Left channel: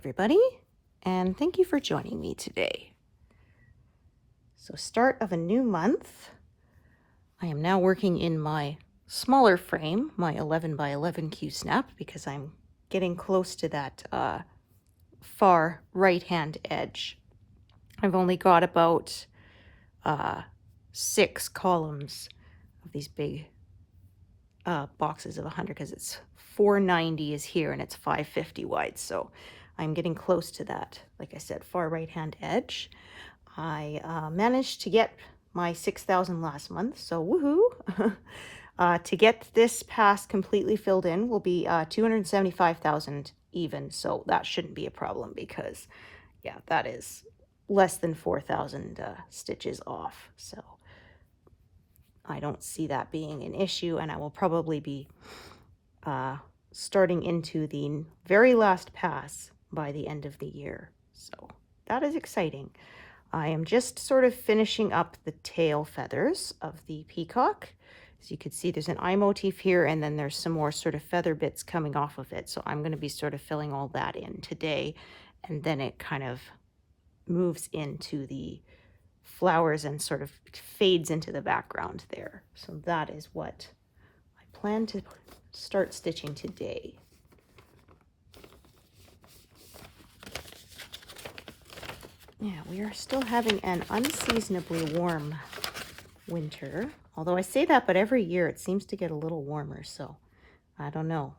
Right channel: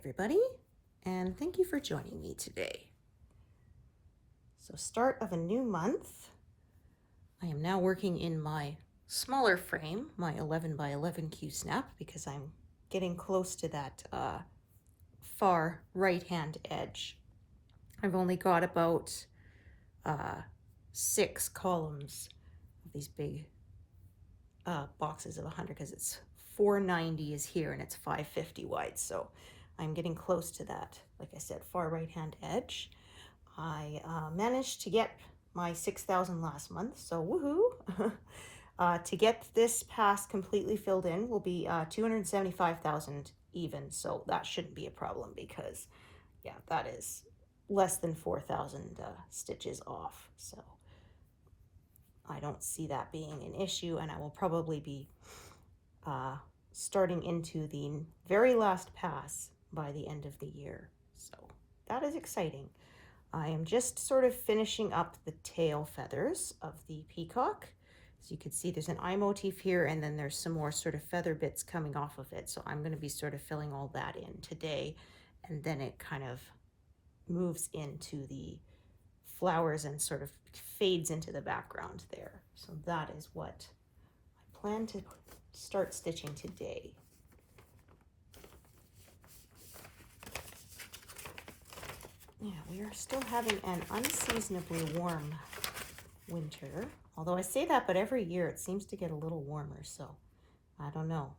everybody, and thank you for joining me today. So start of a new month. I am now working in my smaller frame, my 11 by 11 Q-snap, because I'm getting close to that far right-hand edge. I've only got about 6 columns of these big boxes of 100, because it's 490 is here and it's 550 wide, so I'm getting close to that, like I said, far right-hand edge. I managed to get my 6,000 last month, so woohoo! To get this pass completely filled in will be 275,000 even, so that shouldn't be a problem because, yeah, that is less than 4,000 stitches off, so I don't see that being an issue, and I will probably be starting into the very last pass by the end of the year, so that is exciting. I am just sort of finishing up the tail feathers of the peacock. As you can see, there's an eye motif here, and then there's some more sort of feather bits coming off of it, so I'm going to be sort of filling all that in today, and then it kind of moves into the flowers and sort of fades into the background there. So that is what I plan to start stitching today. Yeah, we are still having an unseasonably warm winter. Although I say that, but every year it seems to get a little warmer, so I don't know.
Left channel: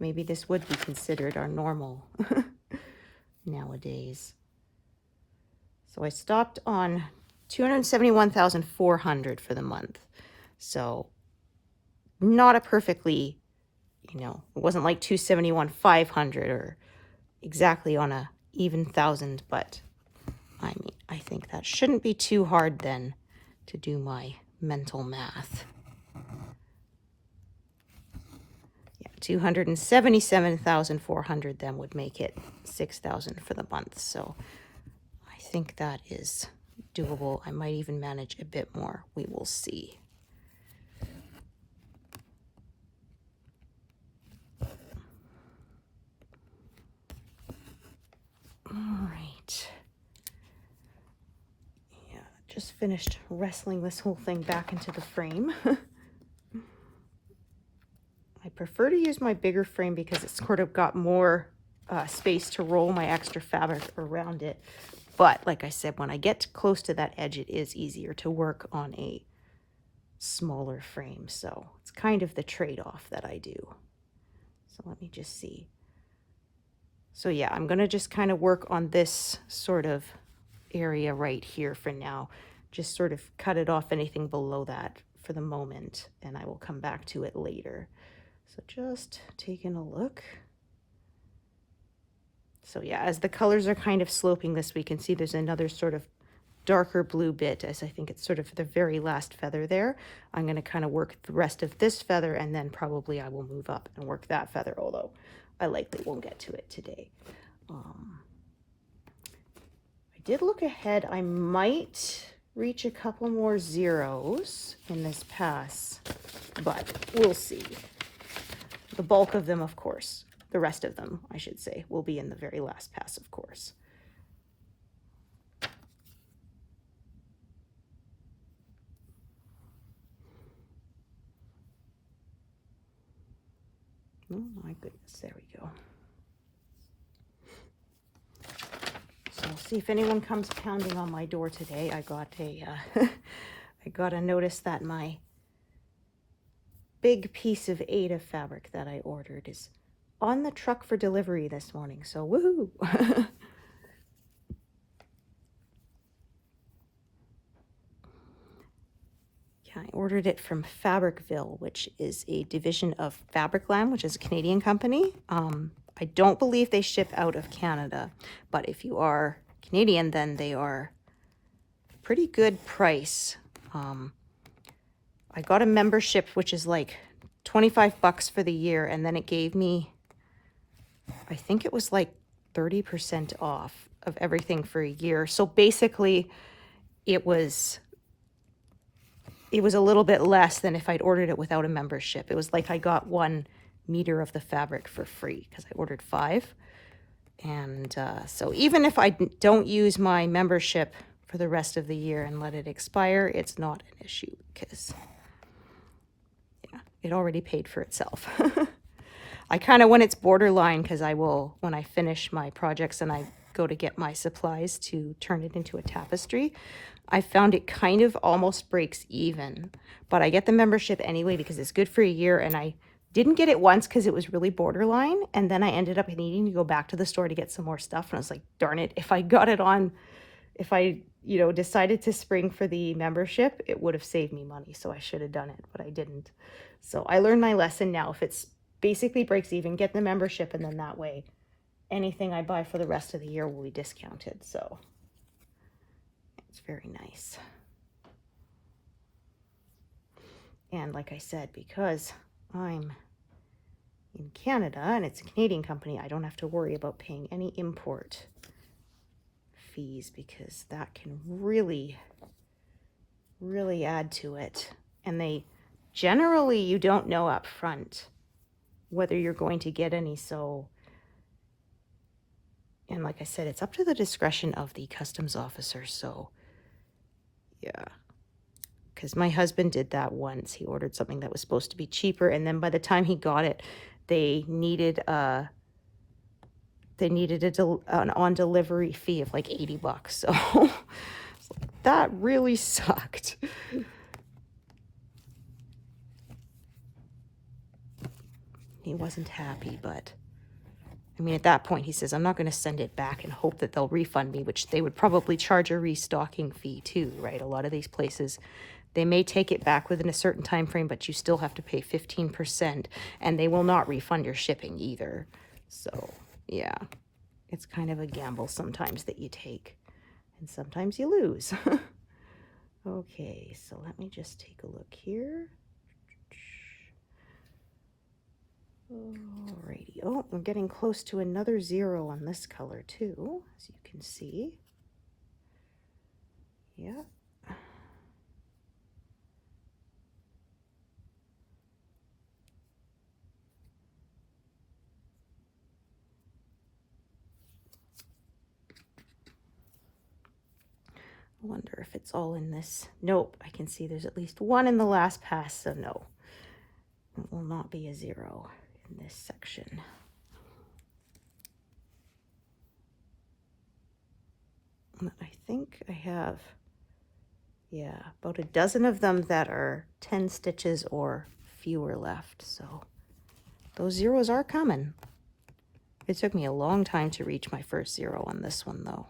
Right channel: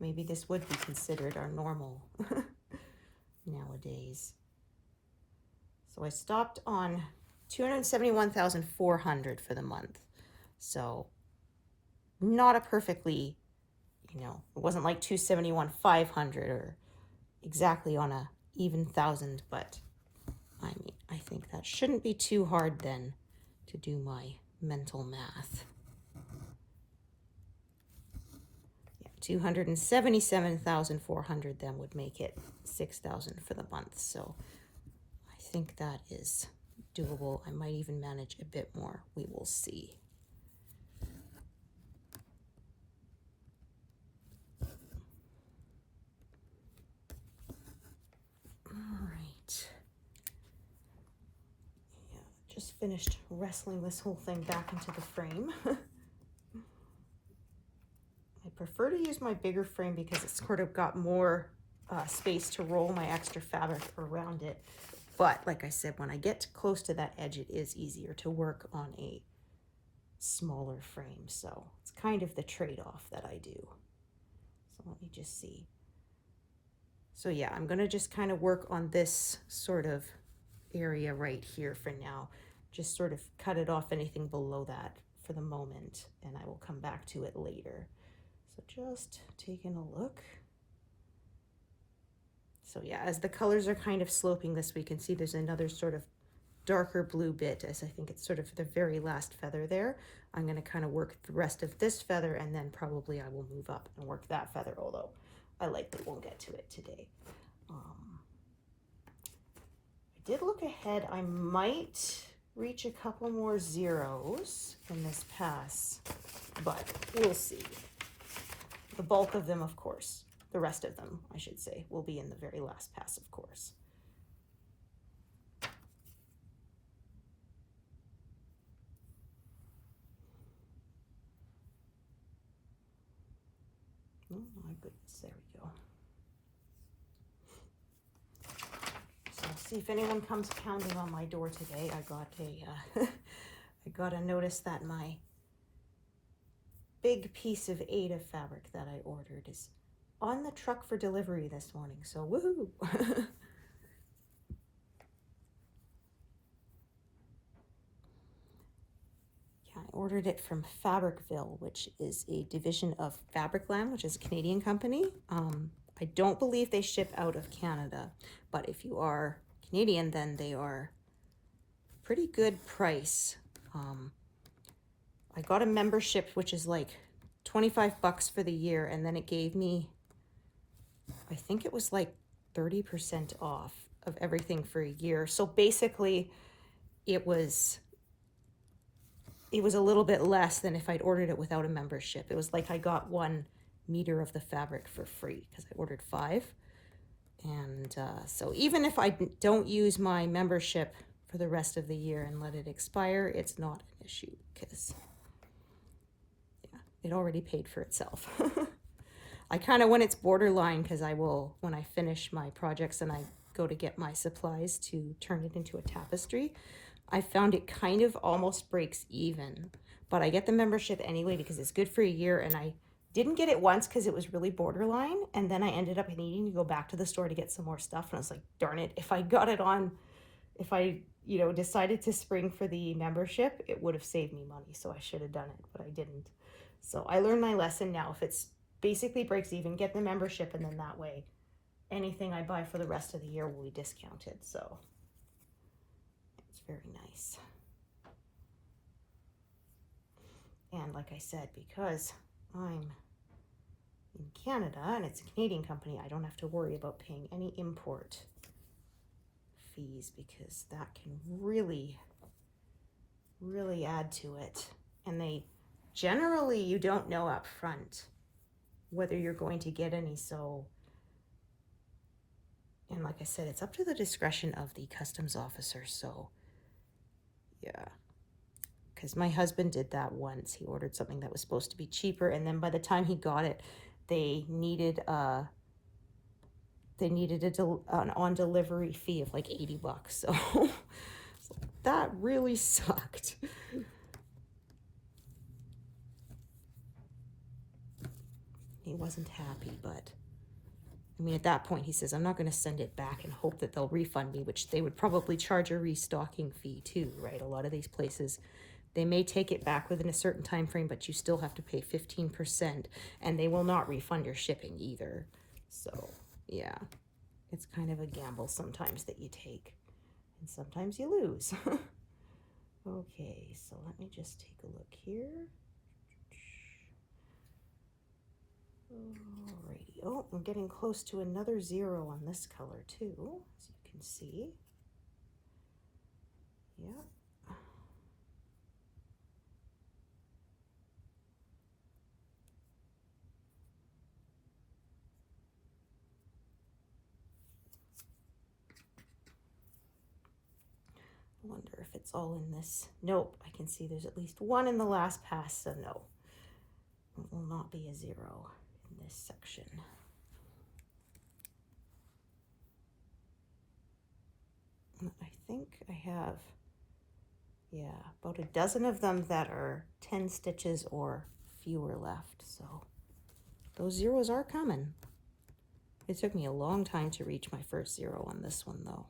Maybe this would be considered our normal nowadays. So I stopped on 271,400 for the month. So not a perfectly, it wasn't like 271,500 or exactly on a even thousand, but I mean, I think that shouldn't be too hard then to do my mental math. Yeah, 277,400 then would make it 6,000 for the month. So I think that is doable. I might even manage a bit more. We will see. All right. Yeah, just finished wrestling this whole thing back into the frame. I prefer to use my bigger frame because it's sort of got more space to roll my extra fabric around it. But like I said, when I get close to that edge, it is easier to work on a smaller frame. So it's kind of the trade-off that I do. So let me just see. So yeah, I'm going to just kind of work on this sort of area right here for now. Just sort of cut it off anything below that for the moment, and I will come back to it later. So just taking a look. So yeah, as the colors are kind of sloping this, we can see there's another sort of darker blue bit, as I think it's sort of the very last feather there. I'm going to kind of work the rest of this feather, and then probably I will move up and work that feather, although I likely won't get to it today. I did look ahead. I might reach a couple more zeros in this pass, but we'll see. The bulk of them, of course, the rest of them, I should say, will be in the very last pass, of course. Oh my goodness, there we go. So we'll see if anyone comes pounding on my door today. I got a notice that my big piece of Aida fabric that I ordered is on the truck for delivery this morning, so woohoo! I ordered it from Fabricville, which is a division of Fabricland, which is a Canadian company. I don't believe they ship out of Canada, but if you are Canadian, then they are pretty good price. I got a membership, which is like 25 bucks for the year, and then it gave me, I think it was like 30% off of everything for a year. So basically, it was a little bit less than if I'd ordered it without a membership. It was like I got 1 meter of the fabric for free because I ordered 5. And so even if I don't use my membership for the rest of the year and let it expire, it's not an issue because yeah, it already paid for itself. I kind of, when it's borderline, because I will, when I finish my projects and I go to get my supplies to turn it into a tapestry, I found it kind of almost breaks even. But I get the membership anyway because it's good for a year, and I didn't get it once because it was really borderline, and then I ended up needing to go back to the store to get some more stuff, and I was like, darn it, if I got it on, if I, you know, decided to spring for the membership, it would have saved me money, so I should have done it, but I didn't. So I learned my lesson now. If it's basically breaks even, get the membership, and then that way anything I buy for the rest of the year will be discounted. So it's very nice. And like I said, because I'm in Canada and it's a Canadian company, I don't have to worry about paying any import fees because that can really add to it. And they generally, you don't know up front whether you're going to get any. So, and like I said, it's up to the discretion of the customs officer. So yeah, because my husband did that once. He ordered something that was supposed to be cheaper, and then by the time he got it, they needed an on delivery fee of like $80. So that really sucked. He wasn't happy, but I mean, at that point, he says, I'm not going to send it back and hope that they'll refund me, which they would probably charge a restocking fee too, right? A lot of these places, they may take it back within a certain time frame, but you still have to pay 15%, and they will not refund your shipping either. So, yeah, it's kind of a gamble sometimes that you take, and sometimes you lose. Okay, so let me just take a look here. Alrighty, oh, we're getting close to another 0 on this color too, as you can see. Yeah. I wonder if it's all in this. Nope, I can see there's at least 1 in the last pass, so no, it will not be a 0 in this section. I think I have, yeah, about a dozen of them that are 10 stitches or fewer left, so those zeros are coming. It took me a long time to reach my first 0 on this one, though.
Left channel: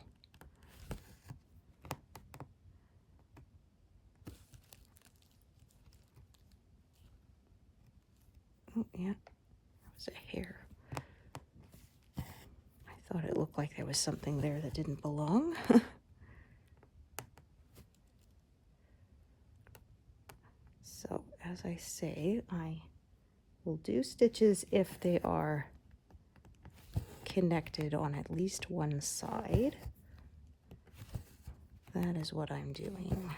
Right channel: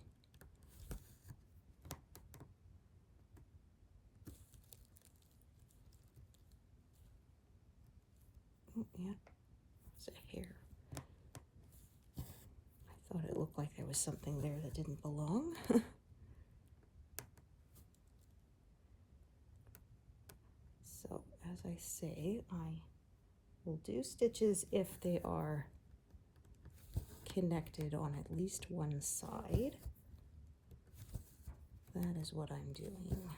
Oh, yeah, that was a hair. I thought it looked like there was something there that didn't belong. So, as I say, I will do stitches if they are connected on at least one side. That is what I'm doing.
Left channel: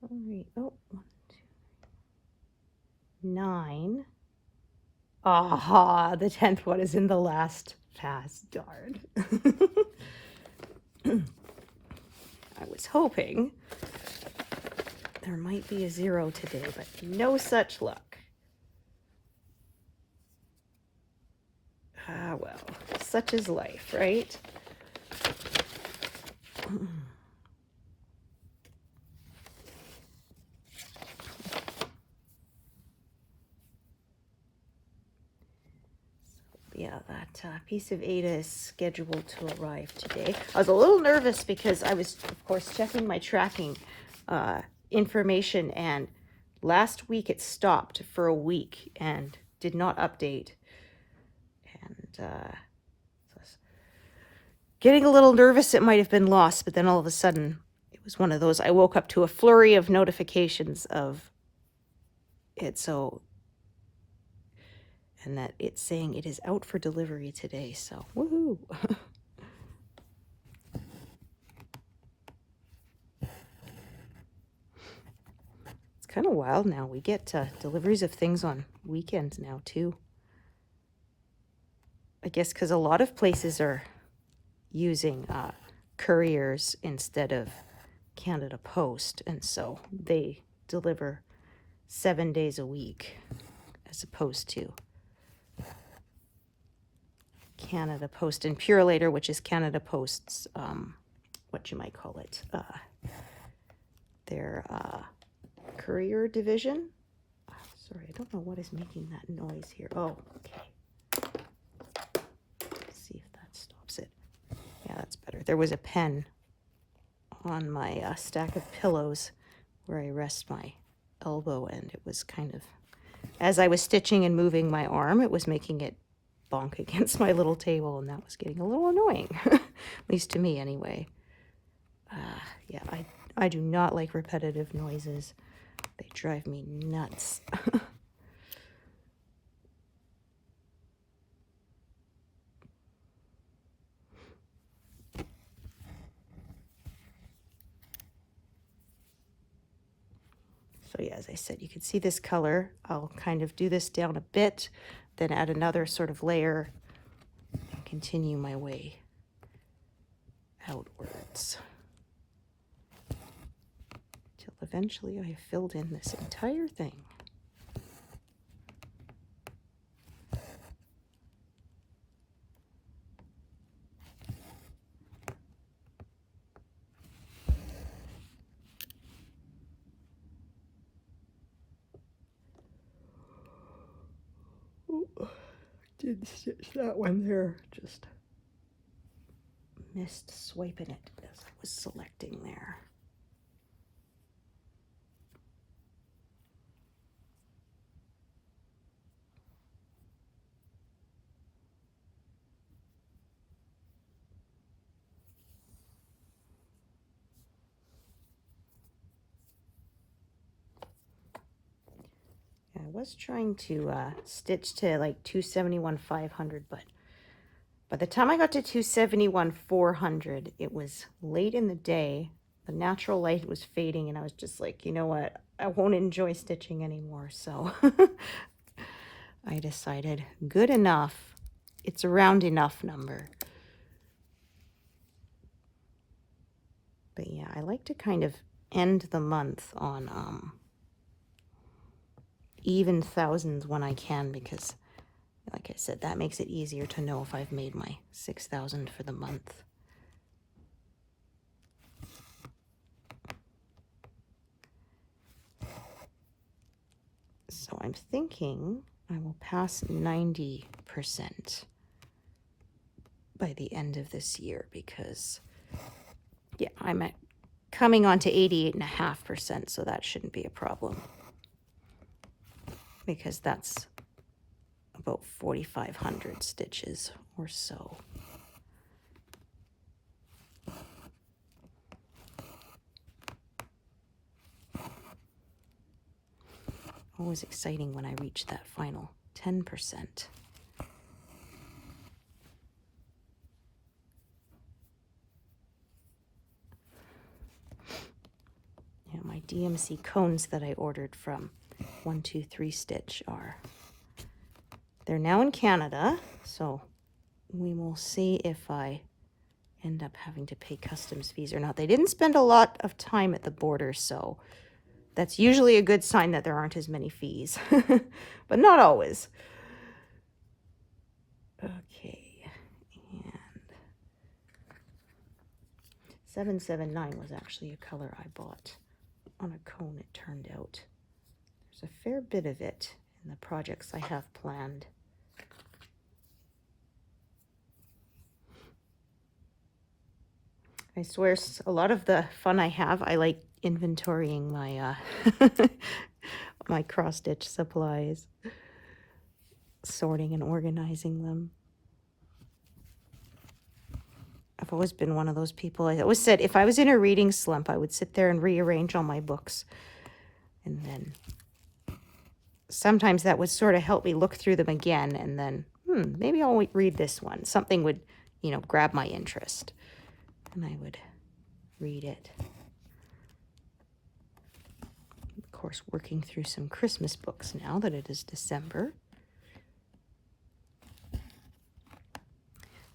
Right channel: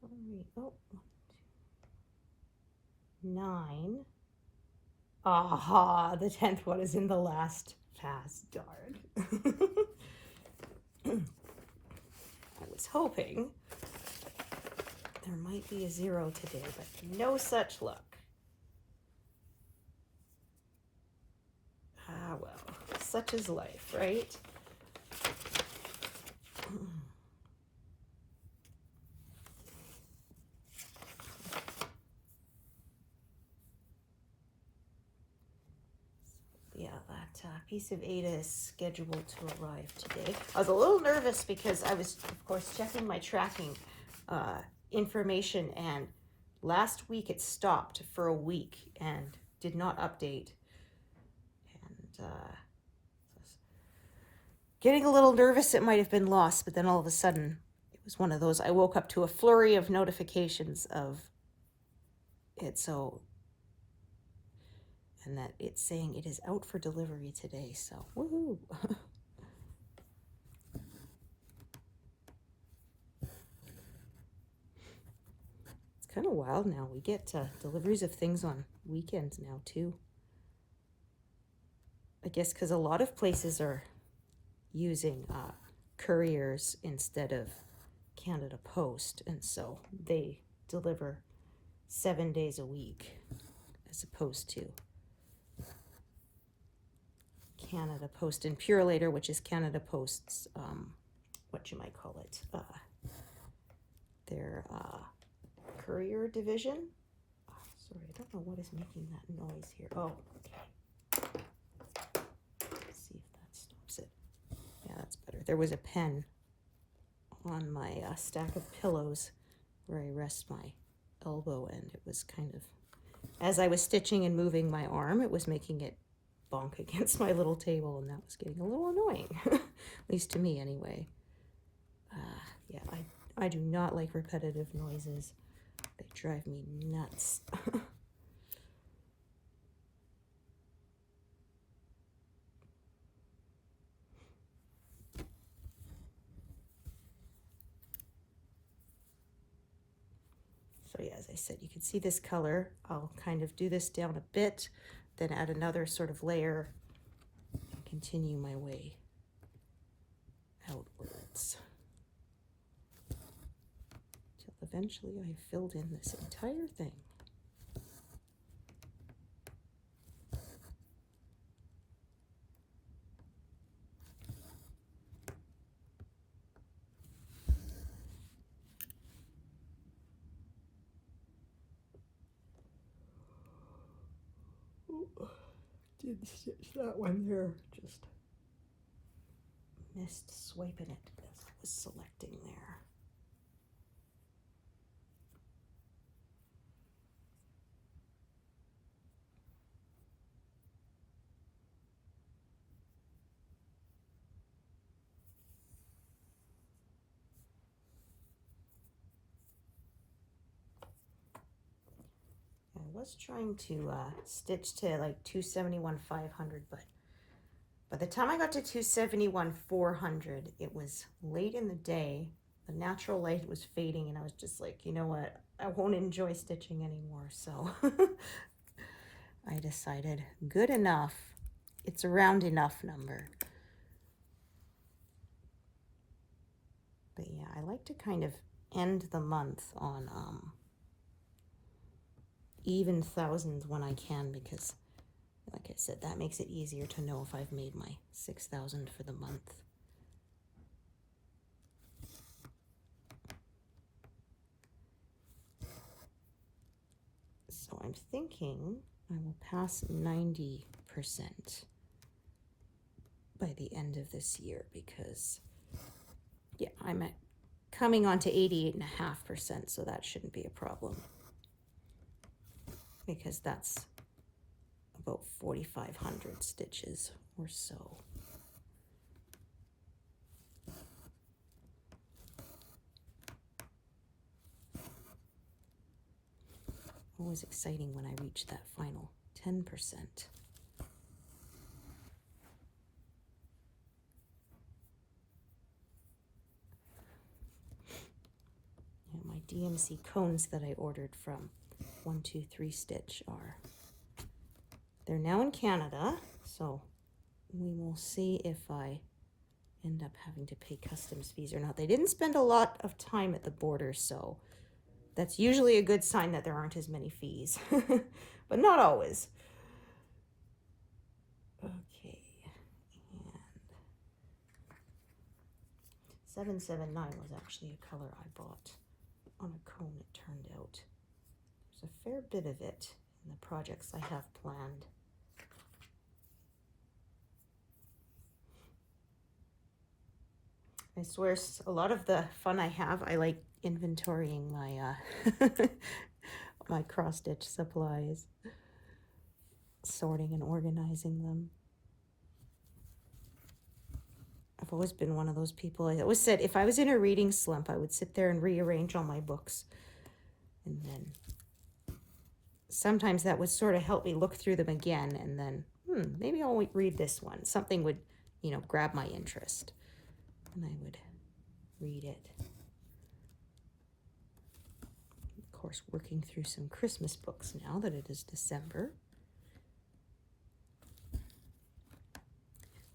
All right. Oh, 1, 2, 9. Aha, the 10th one is in the last pass. Darn. I was hoping there might be a 0 today, but no such luck. Ah, well, such is life, right? Yeah, that piece of Aida is scheduled to arrive today. I was a little nervous because I was, of course, checking my tracking information, and last week it stopped for a week and did not update. And so I was getting a little nervous it might have been lost, but then all of a sudden it was one of those, I woke up to a flurry of notifications of it, so, and that it's saying it is out for delivery today, so woohoo. It's kind of wild now. We get deliveries of things on weekends now too. I guess because a lot of places are using couriers instead of Canada Post, and so they deliver 7 days a week as opposed to Canada Post and Purelator, which is Canada Post's what you might call it, their courier division. Sorry, I don't know what is making that noise here. Oh, okay. Let's see if that stops it. Yeah, that's better. There was a pen on my stack of pillows where I rest my elbow, and it was kind of, as I was stitching and moving my arm, it was making it bonk against my little table, and that was getting a little annoying, at least to me anyway. Yeah, I do not like repetitive noises. They drive me nuts. So yeah, as I said, you can see this color. I'll kind of do this down a bit, then add another sort of layer and continue my way outwards till eventually I have filled in this entire thing. Did stitch that one there, just missed swiping it as I was selecting there. I was trying to stitch to like 271,500, but by the time I got to 271,400, it was late in the day. The natural light was fading, and I was just like, you know what? I won't enjoy stitching anymore. So I decided, good enough. It's a round enough number. But yeah, I like to kind of end the month on even thousands when I can, because like I said, that makes it easier to know if I've made my 6,000 for the month. So I'm thinking I will pass 90% by the end of this year, because yeah, I'm coming on to 88.5%, so that shouldn't be a problem, because that's about 4,500 stitches or so. Always exciting when I reach that final 10%. Yeah, my DMC cones that I ordered from 123 Stitch they're now in Canada, so we will see if I end up having to pay customs fees or not. They didn't spend a lot of time at the border, so that's usually a good sign that there aren't as many fees, but not always. Okay, and 779 was actually a color I bought on a cone, it turned out. There's a fair bit of it in the projects I have planned. I swear, a lot of the fun I have, I like inventorying my my cross-stitch supplies, sorting and organizing them. I've always been one of those people. I always said if I was in a reading slump, I would sit there and rearrange all my books. And then sometimes that would sort of help me look through them again. And then, maybe I'll read this one. Something would, grab my interest. And I would read it. Of course, working through some Christmas books now that it is December.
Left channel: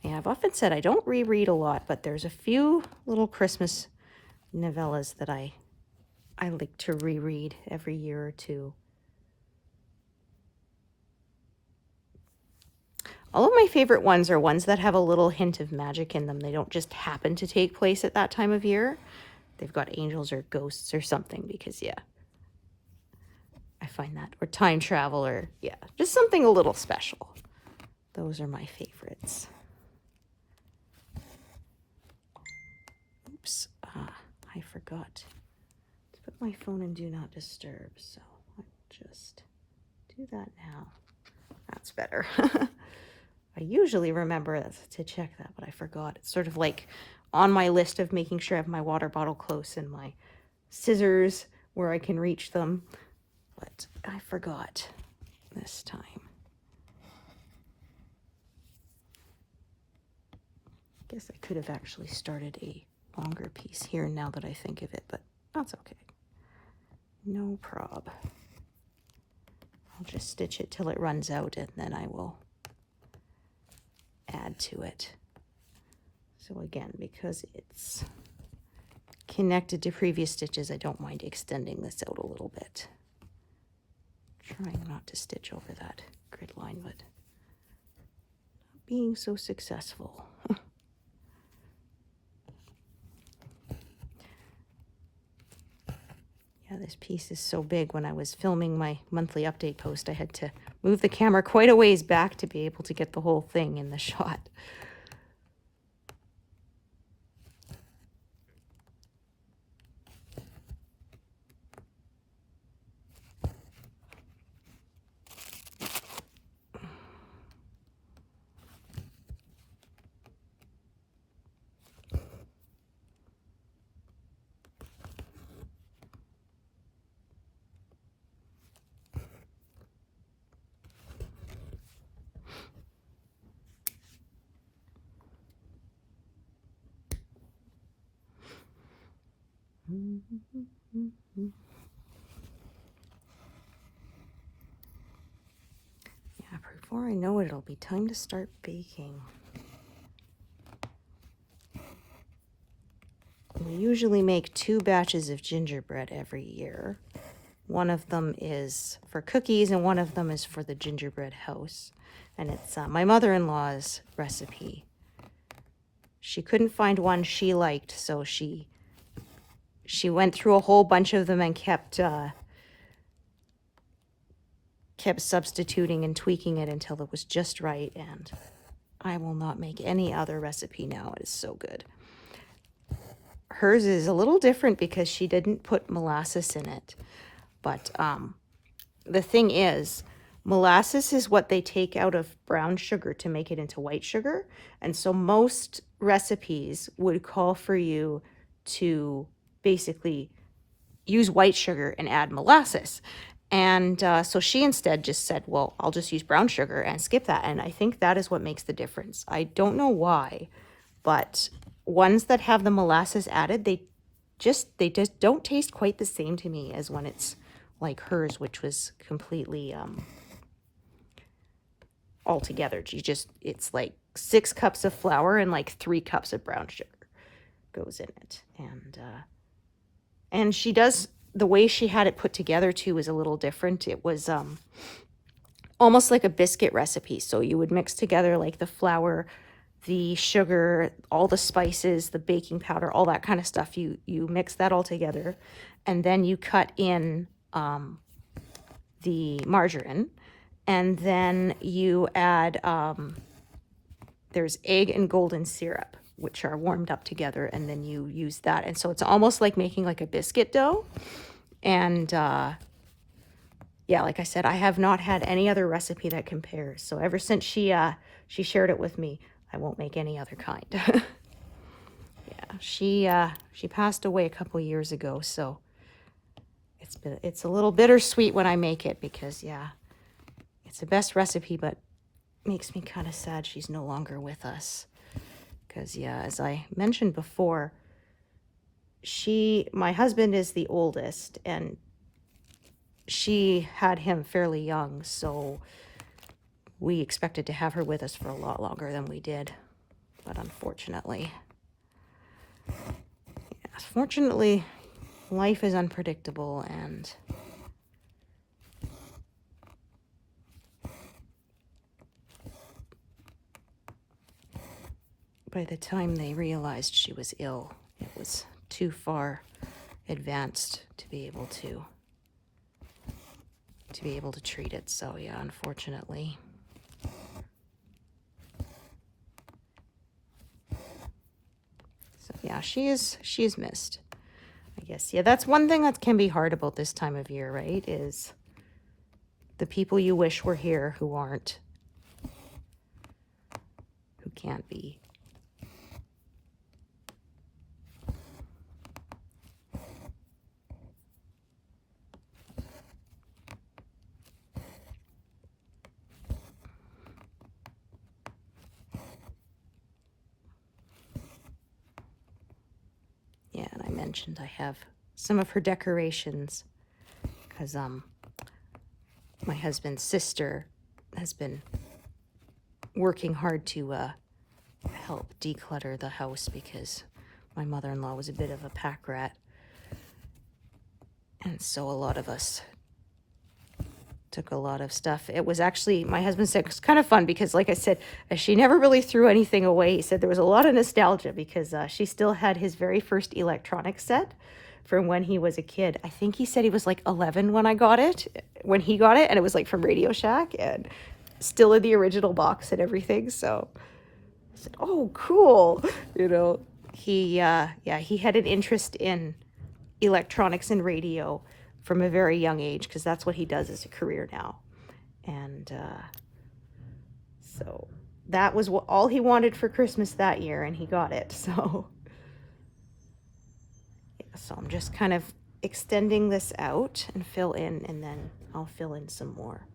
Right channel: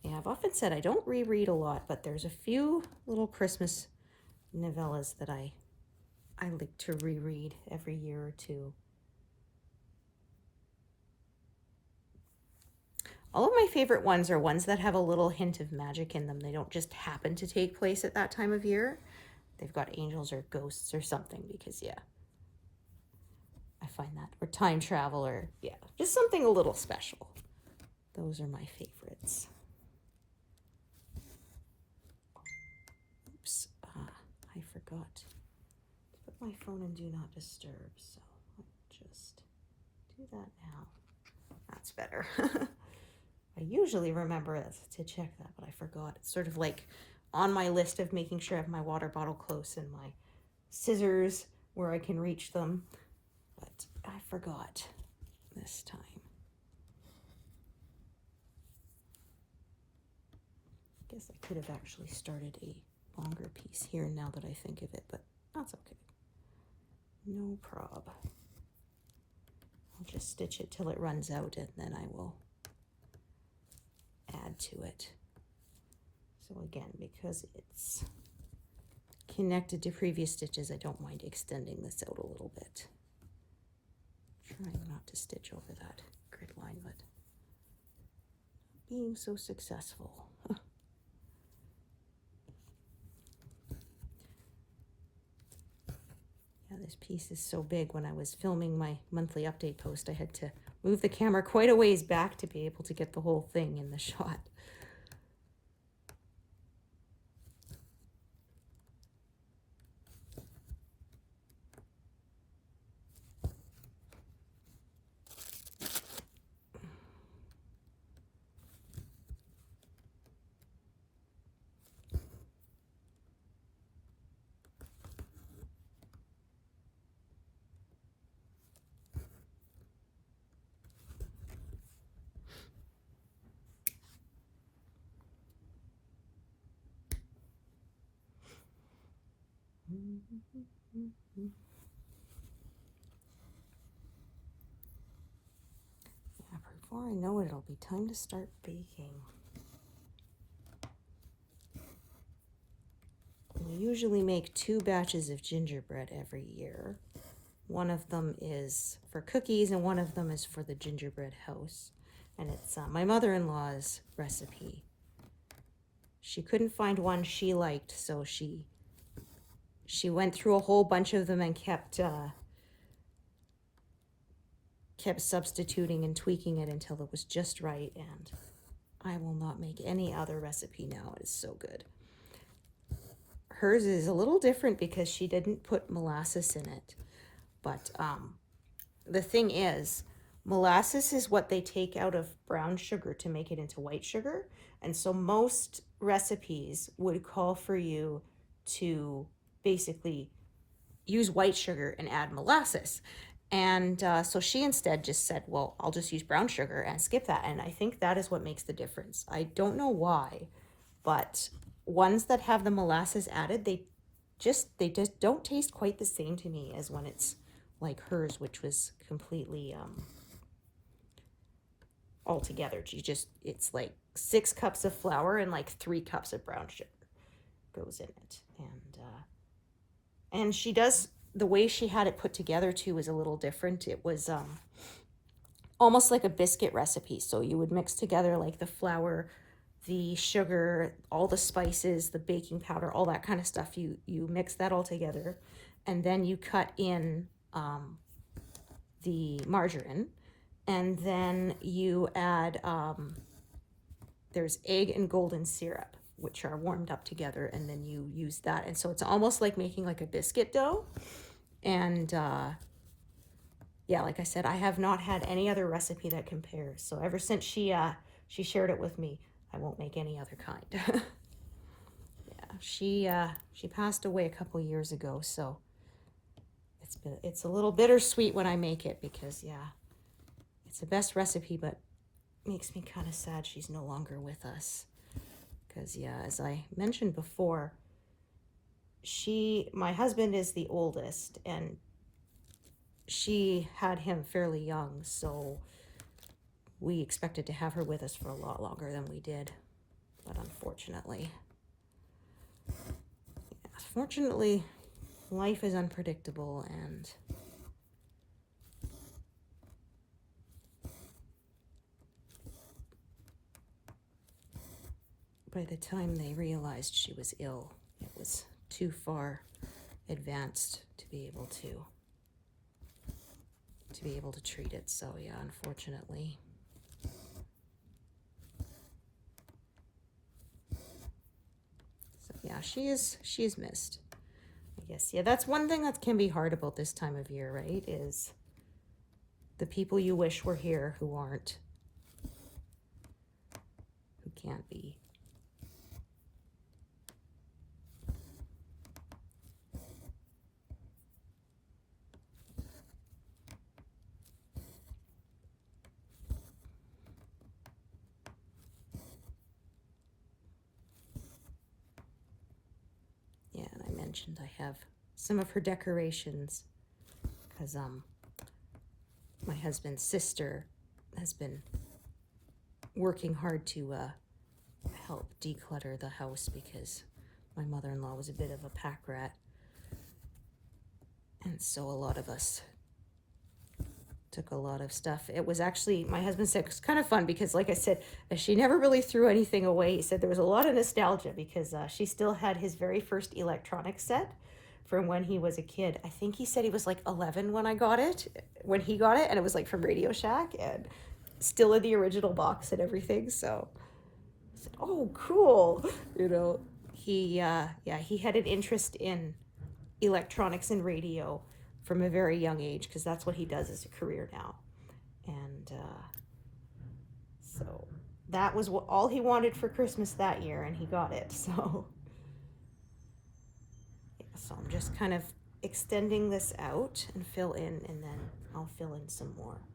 Yeah, I've often said I don't reread a lot, but there's a few little Christmas novellas that I like to reread every year or two. All of my favorite ones are ones that have a little hint of magic in them. They don't just happen to take place at that time of year. They've got angels or ghosts or something because, yeah, I find that. Or time travel or, yeah, just something a little special. Those are my favorites. Oops, I forgot to put my phone in Do Not Disturb, so I'll just do that now. That's better. I usually remember to check that, but I forgot. It's sort of like on my list of making sure I have my water bottle close and my scissors where I can reach them, but I forgot this time. I guess I could have actually started a longer piece here now that I think of it, but that's okay. No prob. I'll just stitch it till it runs out and then I will add to it. So again, because it's connected to previous stitches, I don't mind extending this out a little bit. Trying not to stitch over that grid line, but not being so successful. This piece is so big. When I was filming my monthly update post, I had to move the camera quite a ways back to be able to get the whole thing in the shot. Yeah, before I know it, it'll be time to start baking. We usually make 2 batches of gingerbread every year. One of them is for cookies and one of them is for the gingerbread house. And it's my mother-in-law's recipe. She couldn't find one she liked, so she went through a whole bunch of them and kept substituting and tweaking it until it was just right, and I will not make any other recipe now. It is so good. Hers is a little different because she didn't put molasses in it, but the thing is, molasses is what they take out of brown sugar to make it into white sugar, and so most recipes would call for you to basically use white sugar and add molasses. And so she instead just said, well, I'll just use brown sugar and skip that. And I think that is what makes the difference. I don't know why, but ones that have the molasses added, they just don't taste quite the same to me as when it's like hers, which was completely all together. It's like 6 cups of flour and like 3 cups of brown sugar goes in it. And she does, the way she had it put together too is a little different. It was almost like a biscuit recipe. So you would mix together like the flour, the sugar, all the spices, the baking powder, all that kind of stuff. You mix that all together, and then you cut in the margarine, and then you add, there's egg and golden syrup, which are warmed up together, and then you use that. And so it's almost like making like a biscuit dough. And yeah, like I said, I have not had any other recipe that compares. So ever since she shared it with me, I won't make any other kind. she passed away a couple years ago, so it's a little bittersweet when I make it because yeah, it's the best recipe, but makes me kind of sad she's no longer with us. Because yeah, as I mentioned before, my husband is the oldest, and she had him fairly young, so we expected to have her with us for a lot longer than we did. But unfortunately, yes, fortunately, life is unpredictable, and by the time they realized she was ill, it was too far advanced to be able to treat it. So yeah, unfortunately. So yeah, she is missed, I guess. Yeah, that's one thing that can be hard about this time of year, right? Is the people you wish were here who aren't, who can't be. Yeah, and I mentioned I have some of her decorations because my husband's sister has been working hard to help declutter the house because my mother-in-law was a bit of a pack rat. And so a lot of us took a lot of stuff. It was actually, my husband said, it's kind of fun because, like I said, she never really threw anything away. He said there was a lot of nostalgia because she still had his very first electronic set from when he was a kid. I think he said he was like 11 when he got it, and it was like from Radio Shack and still in the original box and everything. So I said, oh, cool. You know, he had an interest in electronics and radio from a very young age because that's what he does as a career now. And so that was all he wanted for Christmas that year, and he got it. So yeah, so I'm just kind of extending this out and fill in, and then I'll fill in some more.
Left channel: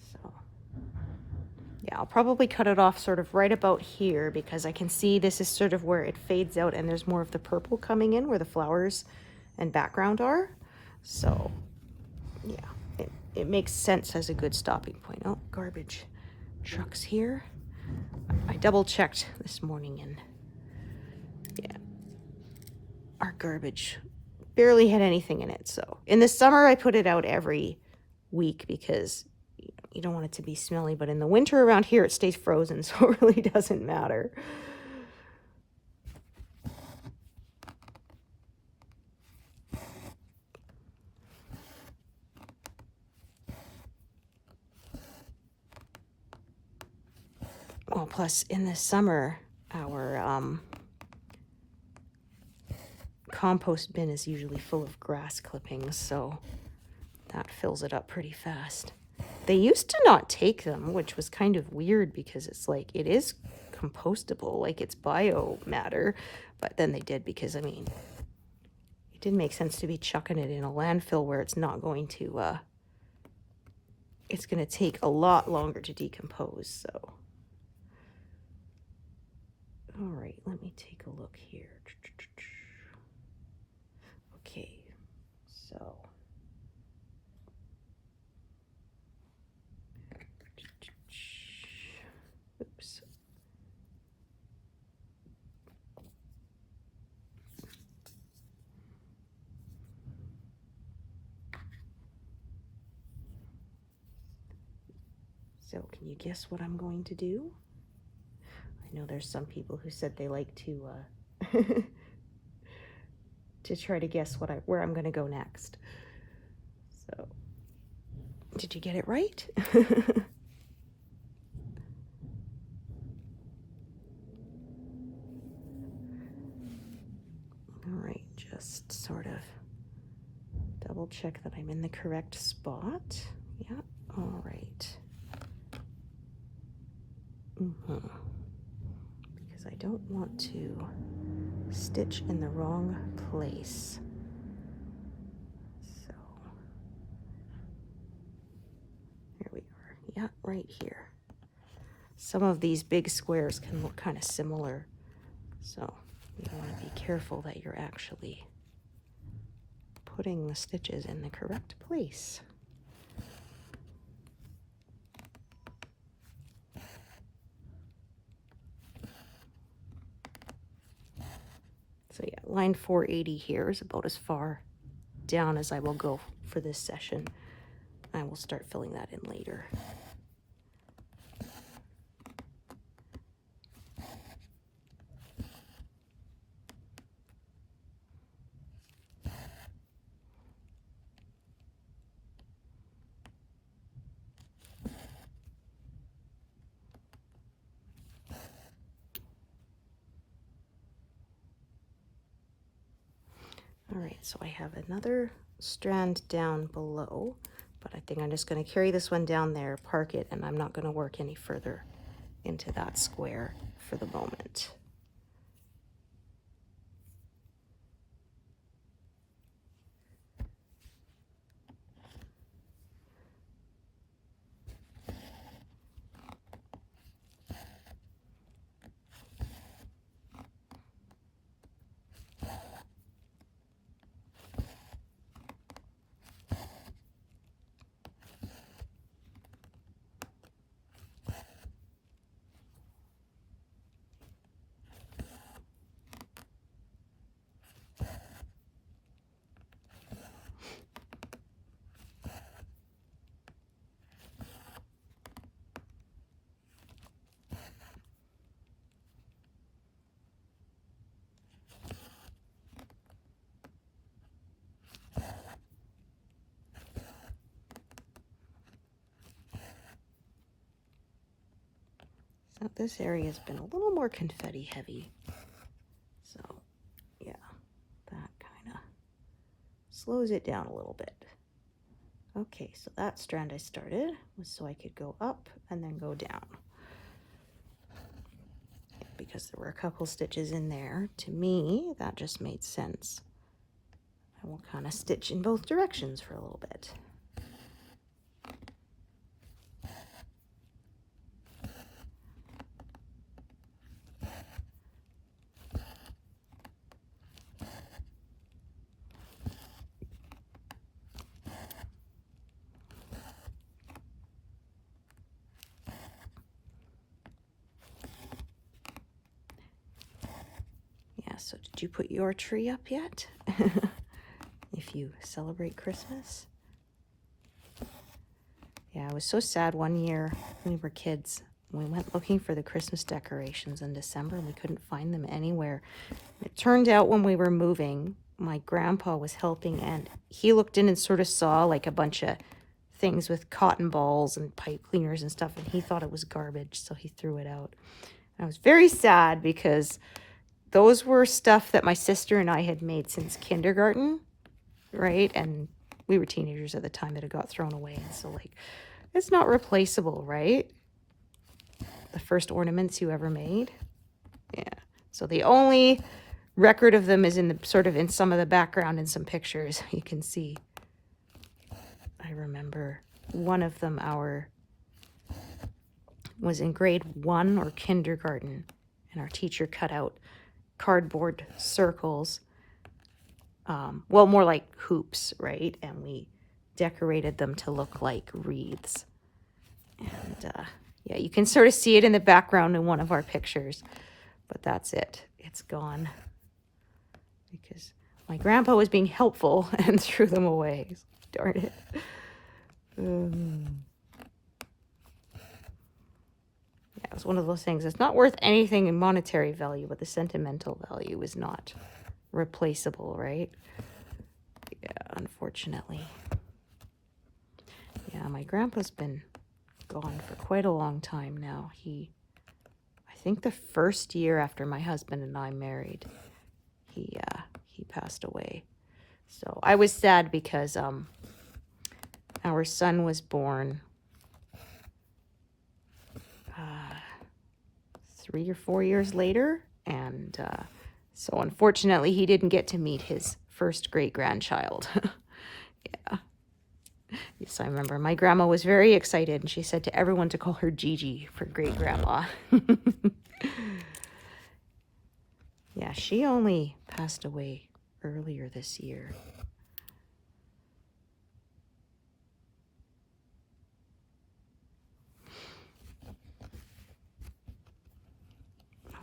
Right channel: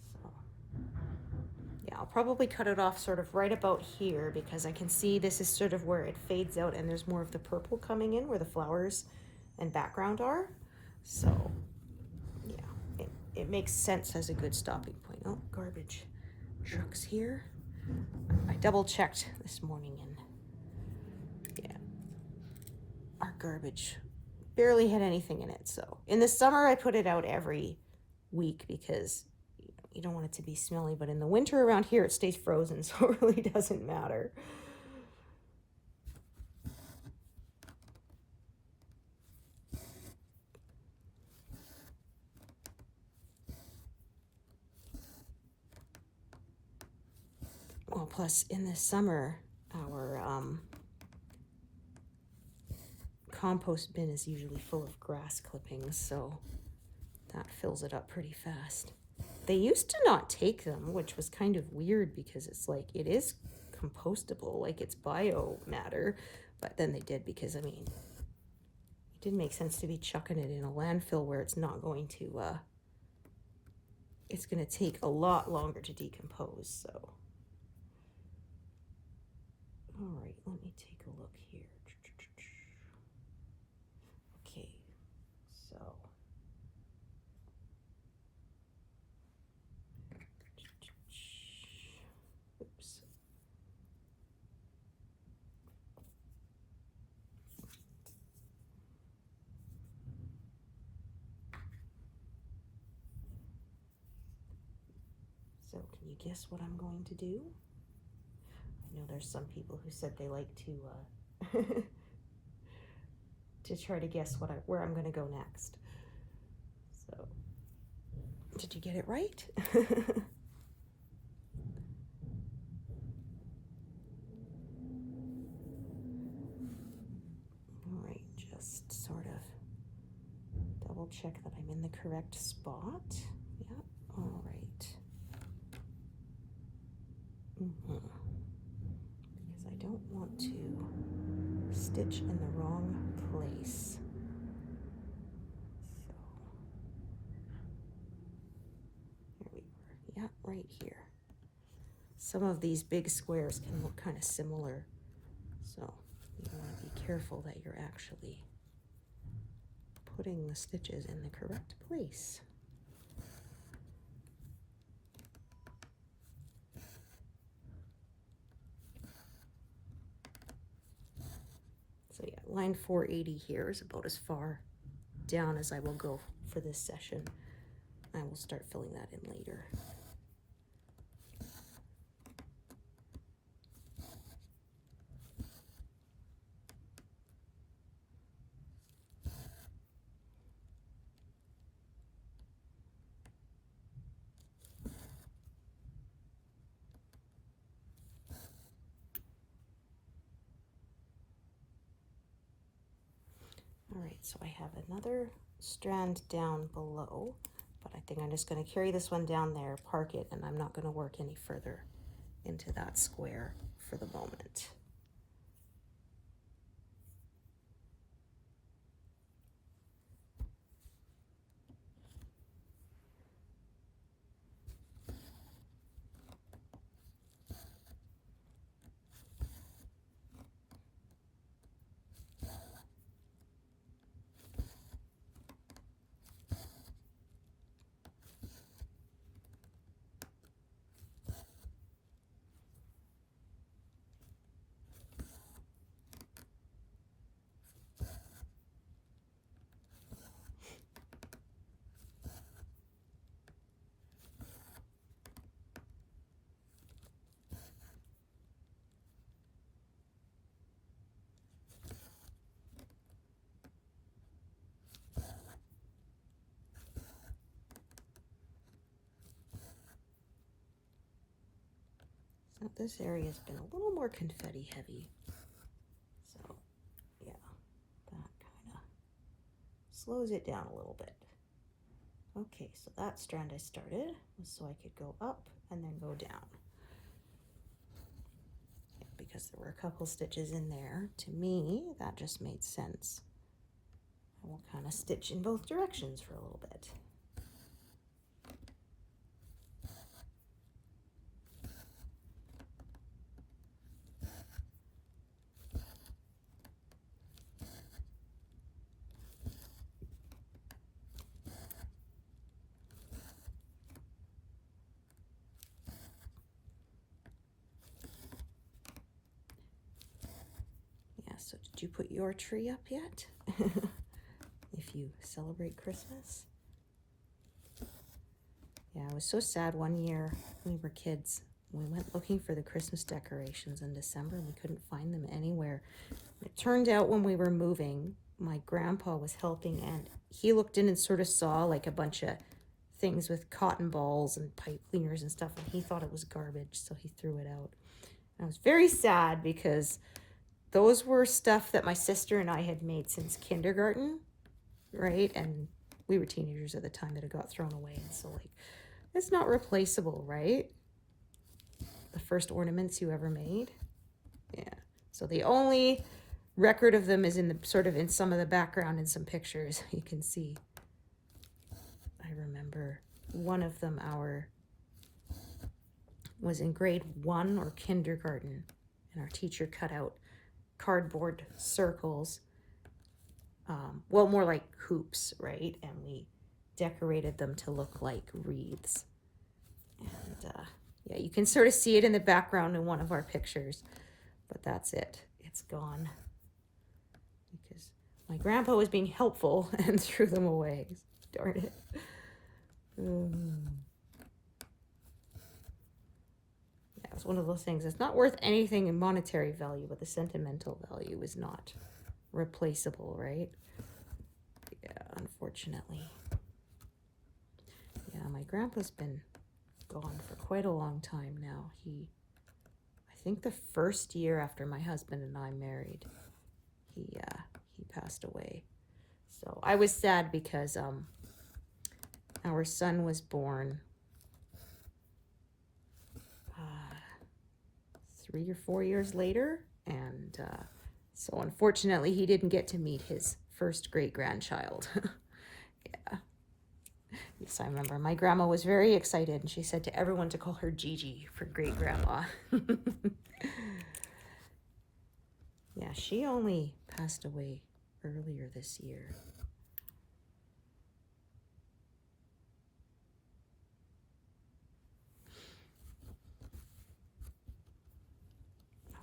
So yeah, I'll probably cut it off sort of right about here because I can see this is sort of where it fades out and there's more of the purple coming in where the flowers and background are. So yeah, it makes sense as a good stopping point. Oh, garbage truck's here. I double checked this morning, and yeah, our garbage barely had anything in it. So in the summer I put it out every week because you don't want it to be smelly, but in the winter around here it stays frozen, so it really doesn't matter. Well, plus in the summer, our compost bin is usually full of grass clippings, so that fills it up pretty fast. They used to not take them, which was kind of weird because it's like, it is compostable, like it's biomatter, but then they did because, I mean, it didn't make sense to be chucking it in a landfill where it's not going to, it's going to take a lot longer to decompose, so. All right, let me take a look here. Okay, so. Oops. So can you guess what I'm going to do? I know there's some people who said they like to to try to guess where I'm going to go next. So, did you get it right? All right, just sort of double check that I'm in the correct spot. Yeah, all right. Because I don't want to stitch in the wrong place. So here we are. Yeah, right here. Some of these big squares can look kind of similar, so you want to be careful that you're actually putting the stitches in the correct place. So yeah, line 480 here is about as far down as I will go for this session. I will start filling that in later. All right, so I have another strand down below, but I think I'm just going to carry this one down there, park it, and I'm not going to work any further into that square for the moment. So this area has been a little more confetti heavy. So yeah, that kind of slows it down a little bit. Okay, so that strand I started was so I could go up and then go down. Because there were a couple stitches in there, to me, that just made sense. I will kind of stitch in both directions for a little bit. So did you put your tree up yet? If you celebrate Christmas? Yeah, I was so sad one year when we were kids. We went looking for the Christmas decorations in December and we couldn't find them anywhere. It turned out when we were moving, my grandpa was helping and he looked in and sort of saw like a bunch of things with cotton balls and pipe cleaners and stuff, and he thought it was garbage, so he threw it out. I was very sad because those were stuff that my sister and I had made since kindergarten, right? And we were teenagers at the time that it got thrown away. And so, like, it's not replaceable, right? The first ornaments you ever made. Yeah. So the only record of them is in the sort of in some of the background in some pictures you can see. I remember one of them was in grade 1 or kindergarten, and our teacher cut out cardboard circles, well, more like hoops, right? And we decorated them to look like wreaths. And yeah, you can sort of see it in the background in one of our pictures, but that's it. It's gone because my grandpa was being helpful and threw them away. Darn it. Yeah, it was one of those things. It's not worth anything in monetary value, but the sentimental value is not replaceable, right? Yeah, unfortunately. Yeah, my grandpa's been gone for quite a long time now. I think the first year after my husband and I married, he passed away. So I was sad because our son was born 3 or 4 years later, and So unfortunately, he didn't get to meet his first great-grandchild. Yeah. Yes, I remember my grandma was very excited, and she said to everyone to call her Gigi for great-grandma. Yeah, she only passed away earlier this year.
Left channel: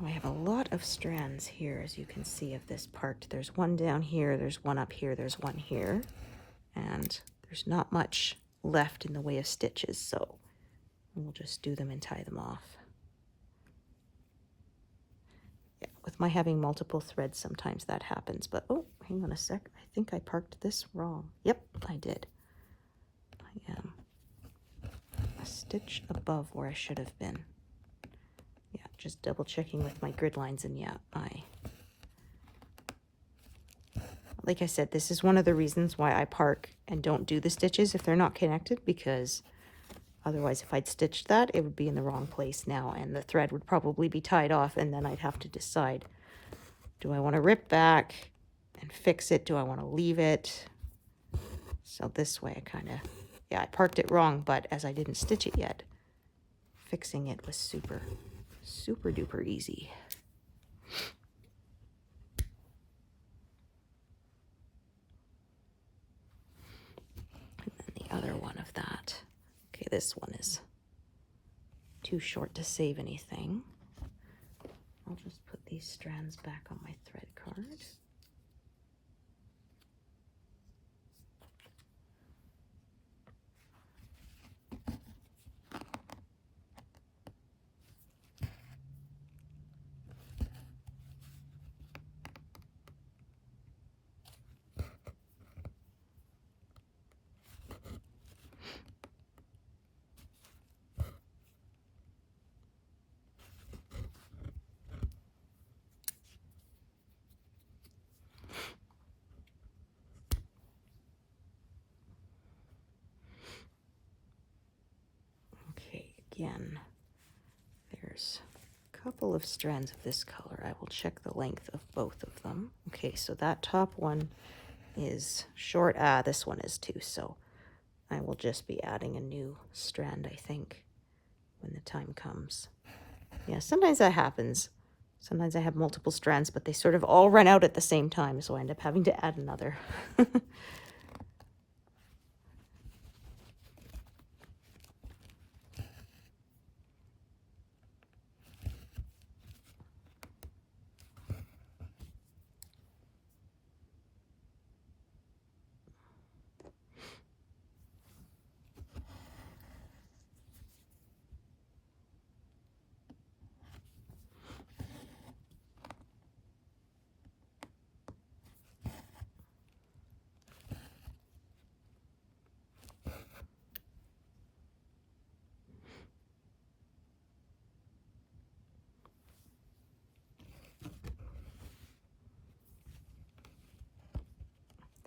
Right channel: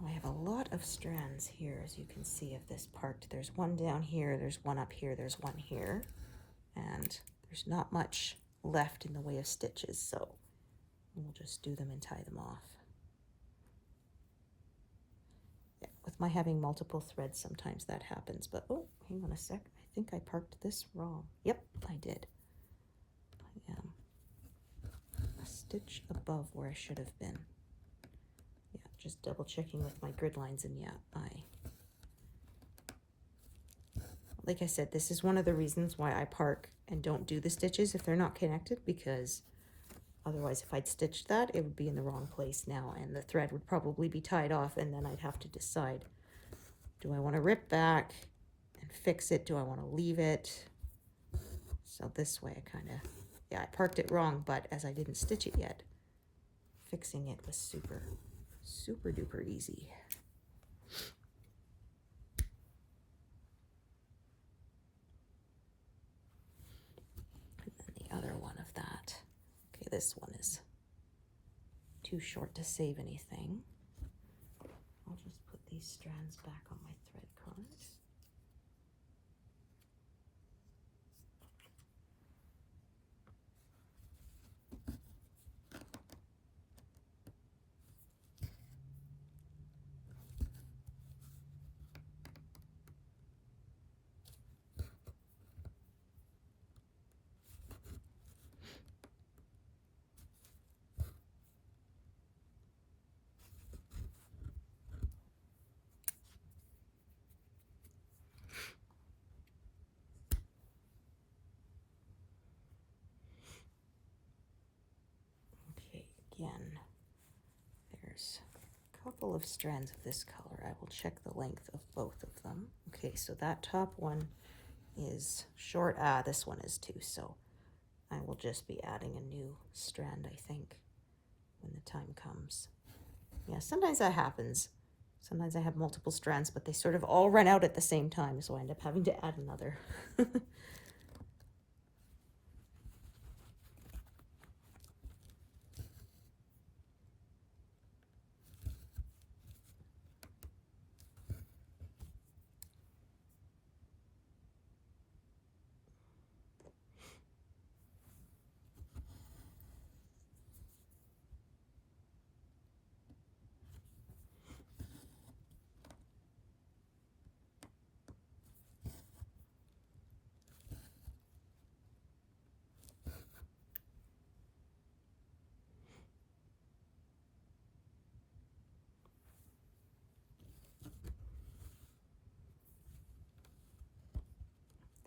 I have a lot of strands here, as you can see, of this part. There's one down here, there's one up here, there's one here, and there's not much left in the way of stitches, so we'll just do them and tie them off. Yeah, with my having multiple threads, sometimes that happens, but oh, hang on a sec. I think I parked this wrong. Yep, I did. I am a stitch above where I should have been. Yeah, just double checking with my grid lines, and yeah, like I said, this is one of the reasons why I park and don't do the stitches if they're not connected, because otherwise if I'd stitched that, it would be in the wrong place now, and the thread would probably be tied off, and then I'd have to decide, do I want to rip back and fix it? Do I want to leave it? So this way I kind of, yeah, I parked it wrong, but as I didn't stitch it yet, fixing it was super, super duper easy. And then the other one of that. Okay, this one is too short to save anything. I'll just put these strands back on my thread card. Again, there's a couple of strands of this color. I will check the length of both of them. Okay, so that top one is short. This one is too, so I will just be adding a new strand, I think, when the time comes. Yeah, sometimes that happens. Sometimes I have multiple strands, but they sort of all run out at the same time, so I end up having to add another.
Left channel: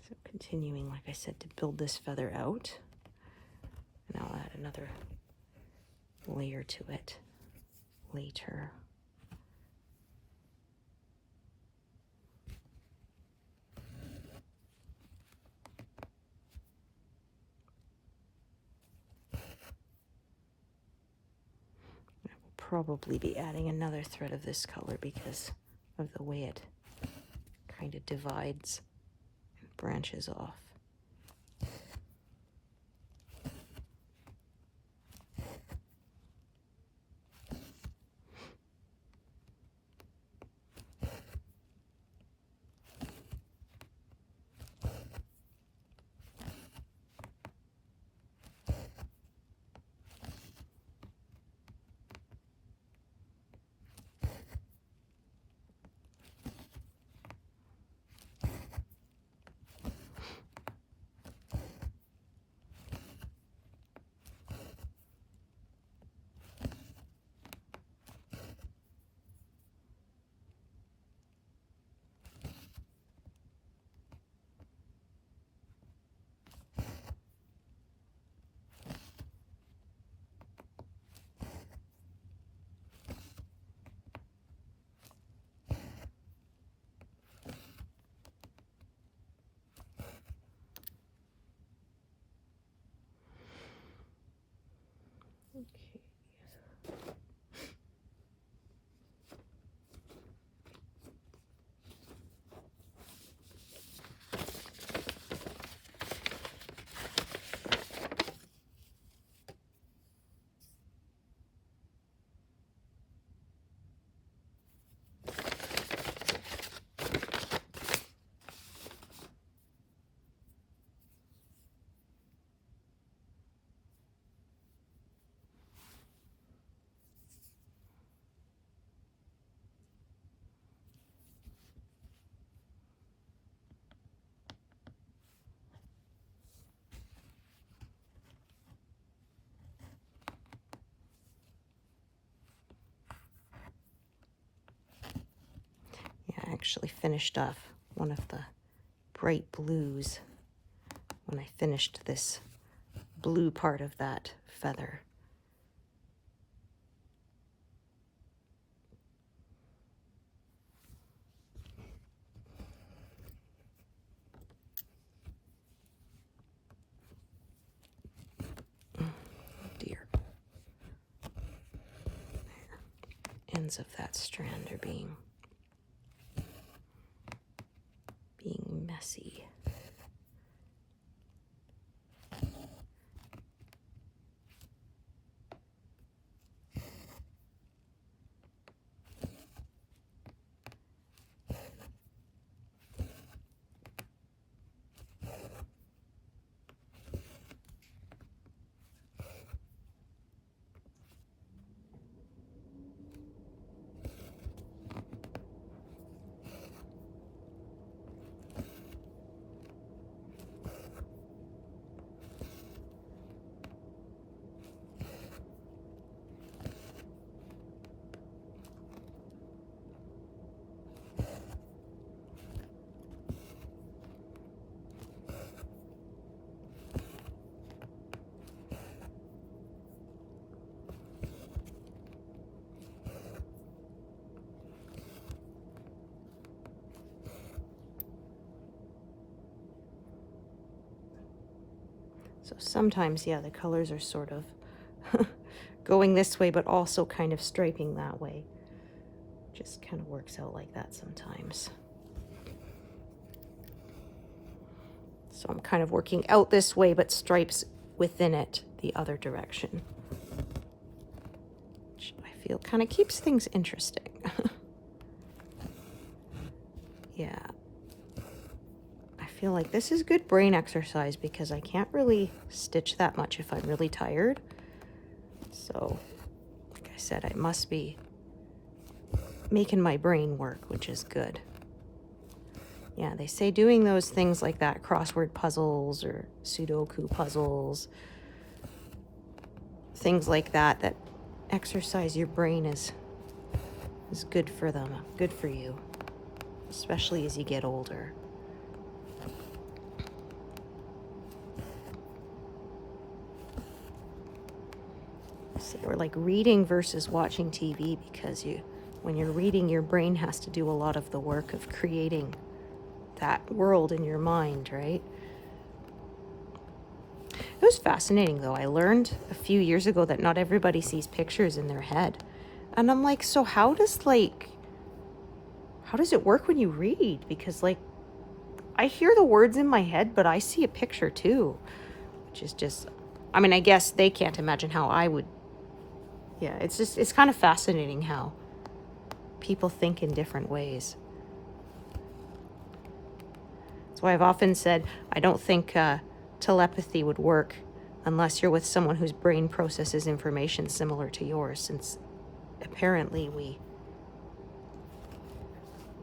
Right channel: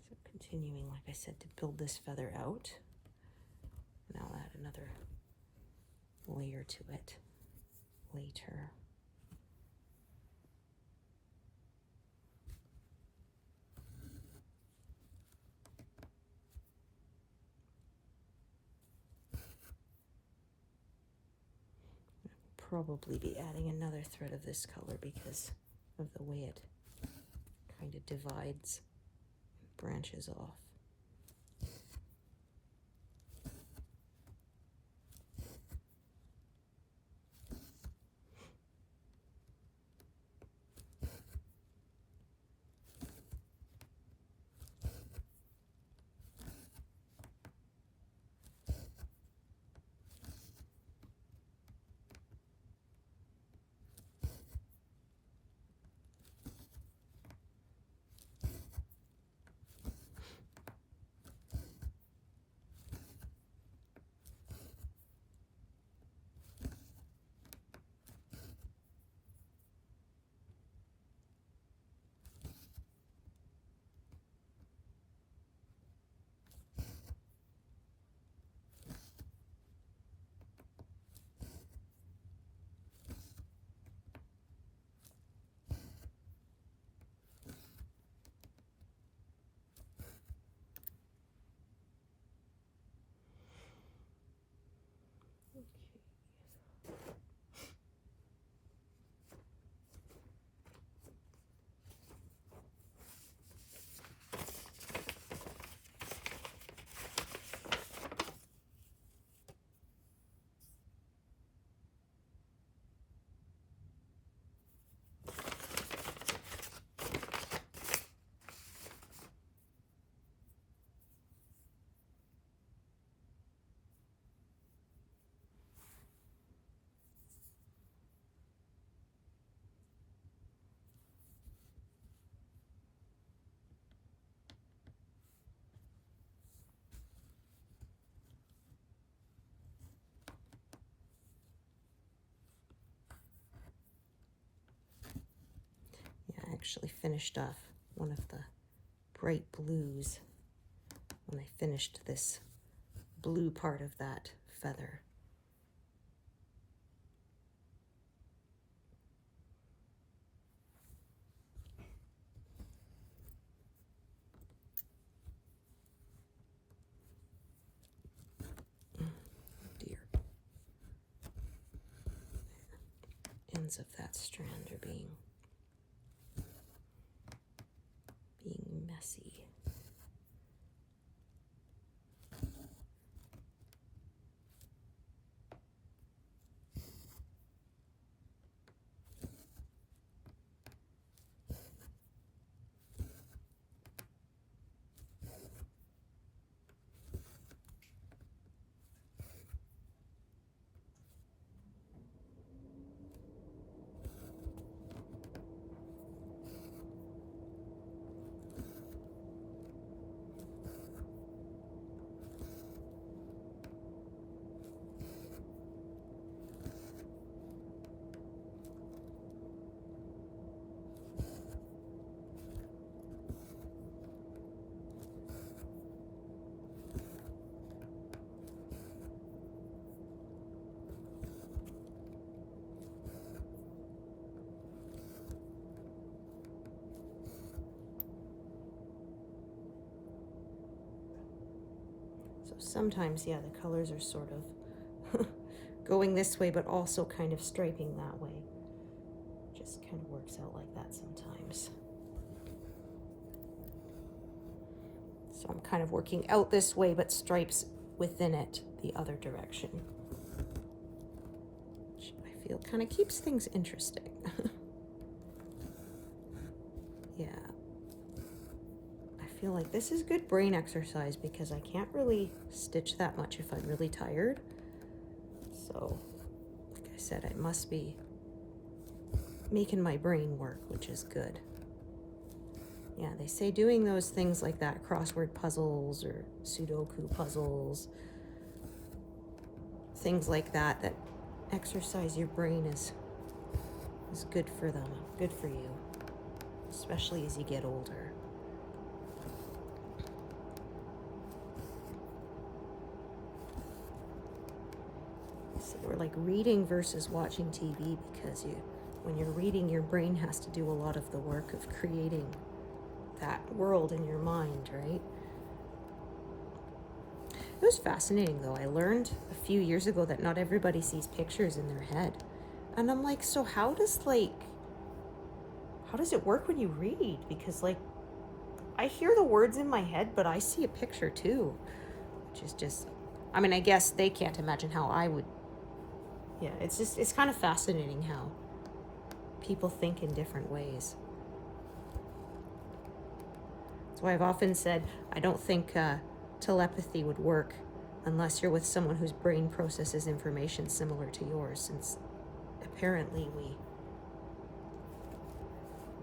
So continuing, like I said, to build this feather out. And I'll add another layer to it later. Probably be adding another thread of this color because of the way it kind of divides and branches off. I actually finished off one of the bright blues when I finished this blue part of that feather. Dear. Ends of that strand are being messy. So sometimes, yeah, the colors are sort of going this way, but also kind of striping that way. Just kind of works out like that sometimes. So I'm kind of working out this way, but stripes within it the other direction, which I feel kind of keeps things interesting. Yeah. I feel like this is good brain exercise because I can't really stitch that much if I'm really tired. So, like I said, I must be making my brain work, which is good. Yeah, they say doing those things like that, crossword puzzles or Sudoku puzzles, things like that, that exercise your brain is good for them, good for you, especially as you get older. So we're like reading versus watching TV, because when you're reading, your brain has to do a lot of the work of creating that world in your mind, right? It was fascinating, though. I learned a few years ago that not everybody sees pictures in their head. And I'm like, so how does it work when you read? Because, like, I hear the words in my head, but I see a picture too, which is just, I mean, I guess they can't imagine how I would. Yeah, it's kind of fascinating how people think in different ways. That's why I've often said I don't think telepathy would work unless you're with someone whose brain processes information similar to yours, since apparently we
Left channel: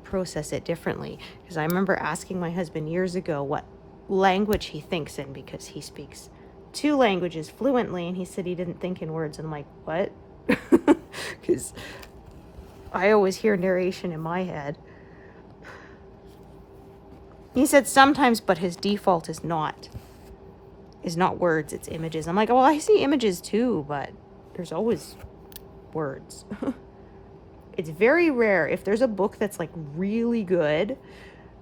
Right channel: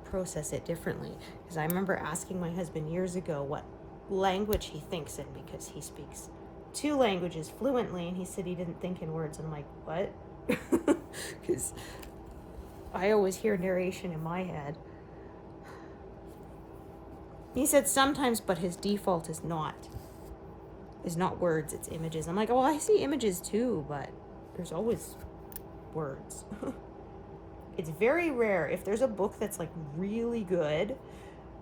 process it differently. Because I remember asking my husband years ago what language he thinks in, because he speaks 2 languages fluently, and he said he didn't think in words. And I'm like, what? Because I always hear narration in my head. He said sometimes, but his default is not words, it's images. I'm like, well, I see images too, but there's always words. It's very rare. If there's a book that's like really good,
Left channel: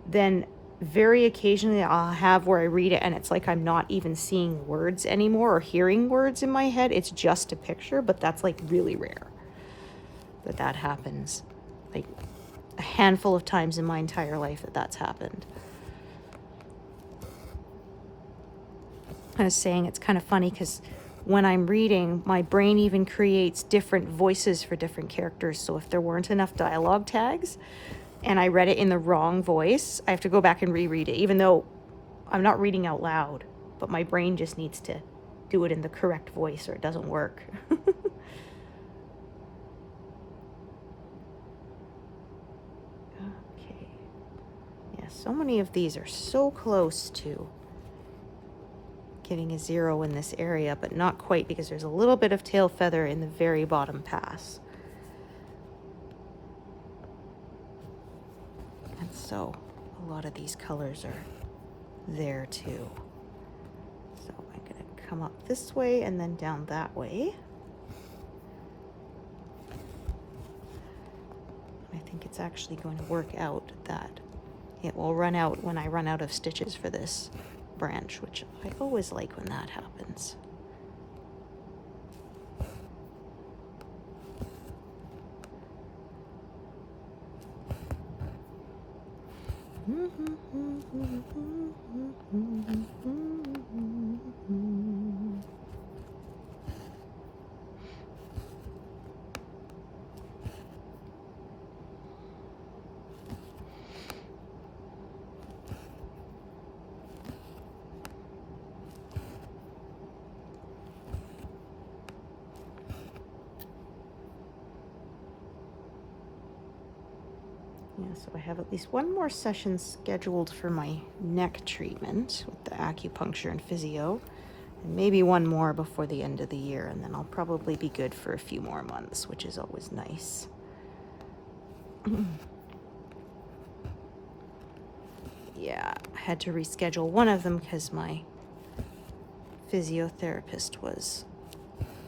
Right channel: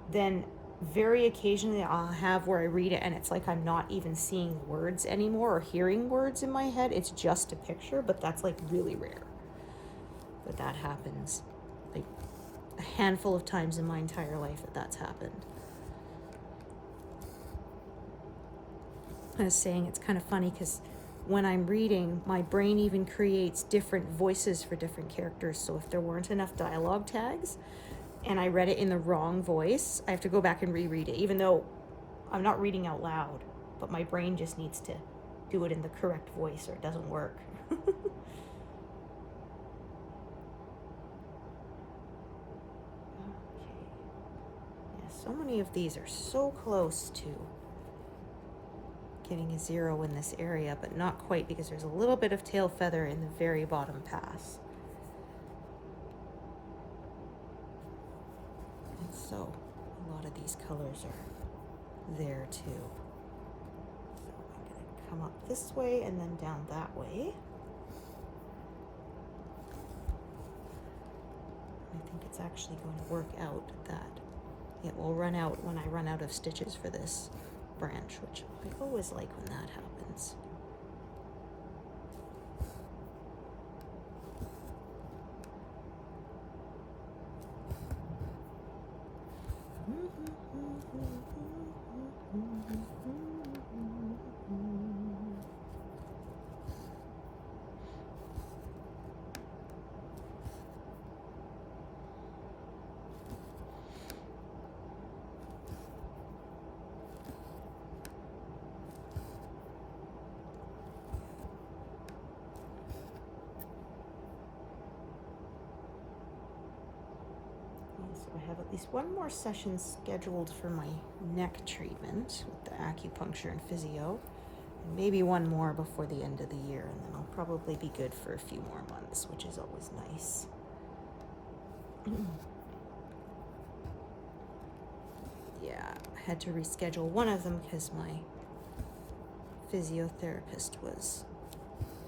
then very occasionally I'll have where I read it and it's like I'm not even seeing words anymore or hearing words in my head. It's just a picture, but that's like really rare that happens. Like a handful of times in my entire life that's happened. I was saying it's kind of funny because when I'm reading, my brain even creates different voices for different characters. So if there weren't enough dialogue tags and I read it in the wrong voice, I have to go back and reread it, even though I'm not reading out loud, but my brain just needs to do it in the correct voice or it doesn't work. Okay. Yeah, so many of these are so close to getting a 0 in this area, but not quite because there's a little bit of tail feather in the very bottom pass. And so a lot of these colors are there too. So I'm going to come up this way and then down that way. I think it's actually going to work out that it will run out when I run out of stitches for this branch, which I always like when that happens. So I have at least one more session scheduled for my neck treatment with the acupuncture and physio, and maybe one more before the end of the year, and then I'll probably be good for a few more months, which is always nice. Yeah, I had to reschedule one of them because my physiotherapist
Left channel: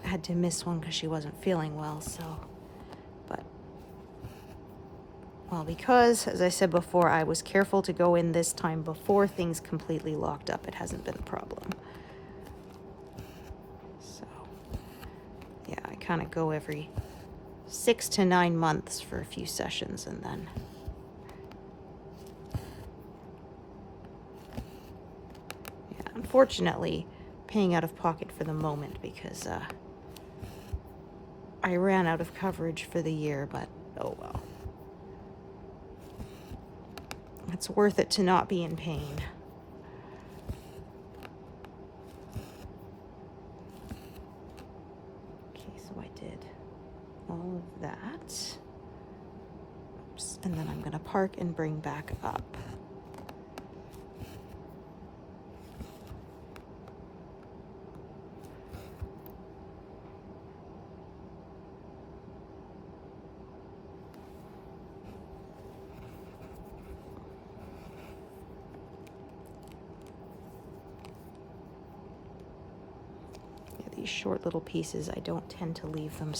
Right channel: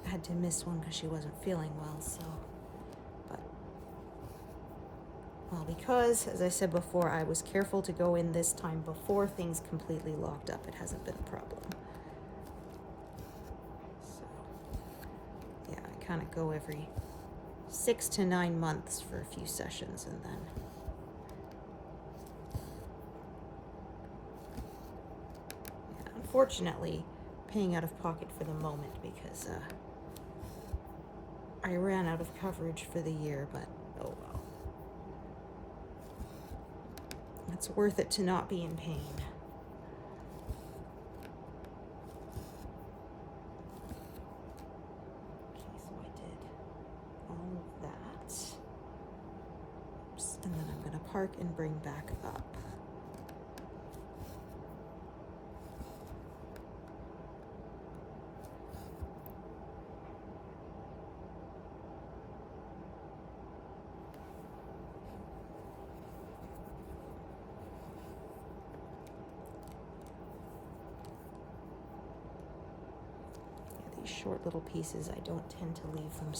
had to miss one because she wasn't feeling well, so. Well, because, as I said before, I was careful to go in this time before things completely locked up, it hasn't been a problem. So, yeah, I kind of go every 6 to 9 months for a few sessions, and then yeah, unfortunately, paying out of pocket for the moment because I ran out of coverage for the year, but oh well. It's worth it to not be in pain. Okay, so I did all of that. Oops. And then I'm going to park and bring back up. These short little pieces, I don't tend to leave them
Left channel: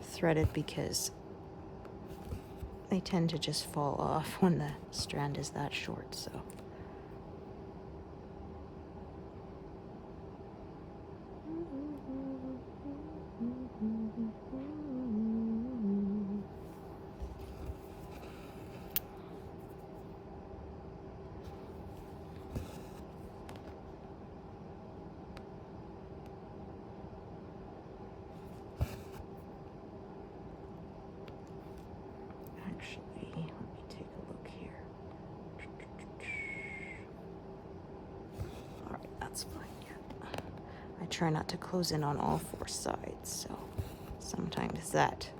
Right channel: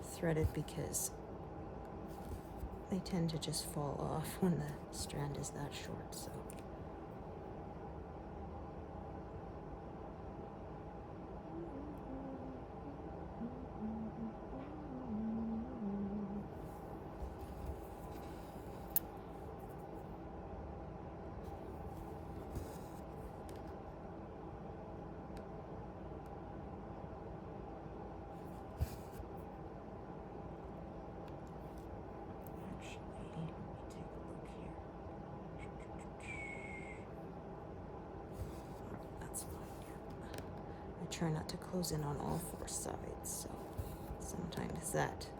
threaded because they tend to just fall off when the strand is that short, so. Try not to close in on all 4 sides, so sometimes that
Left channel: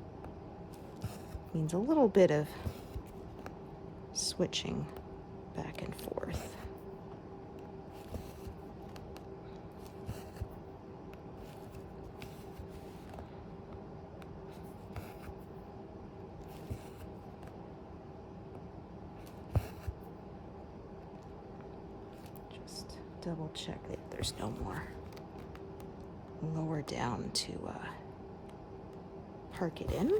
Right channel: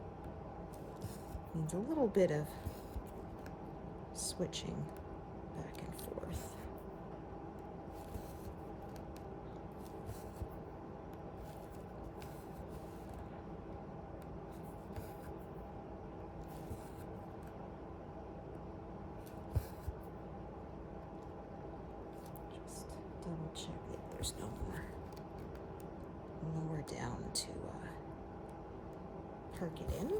means a little bit of switching back and forth. Just double check that there's no more lower down to park it in.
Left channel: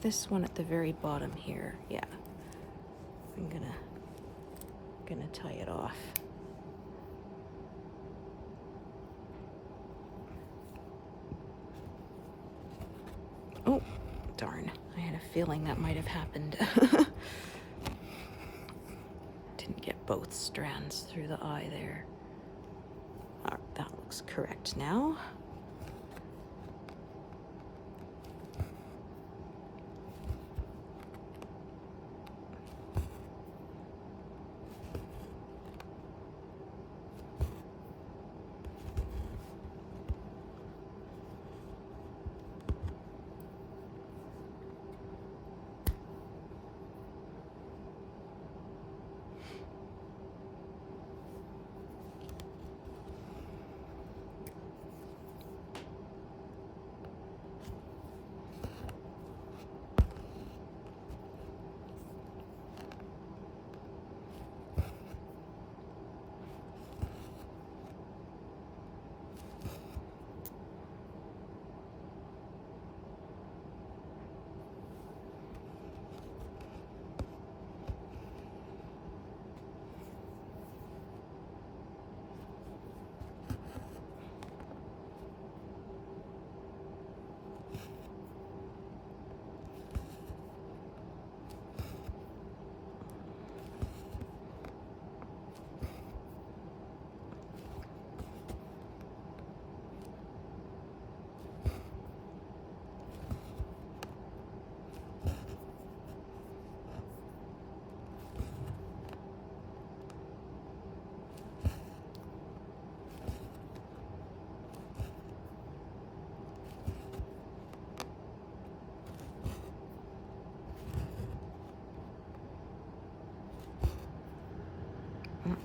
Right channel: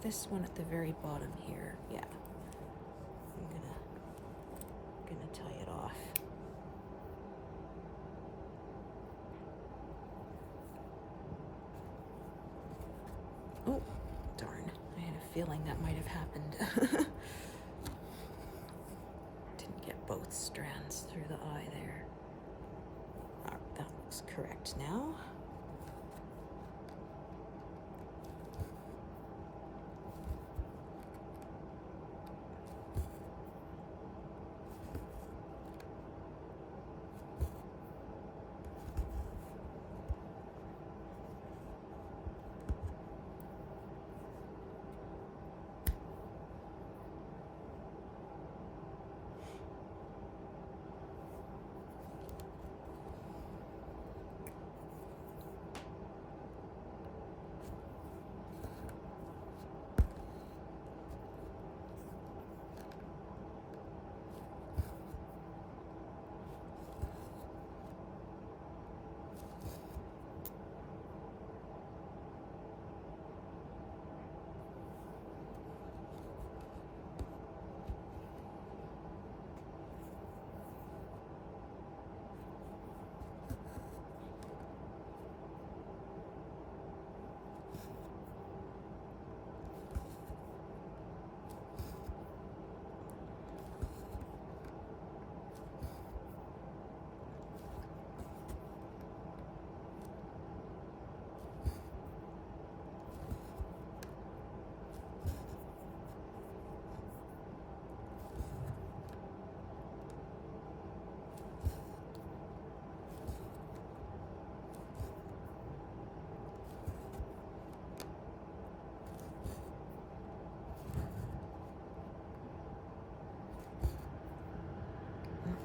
this one at the very bottom here. Yeah, I'm gonna tie it off. Oh, darn. I had a feeling that might have happened. Didn't get both strands through the eye there. All right, that looks correct now.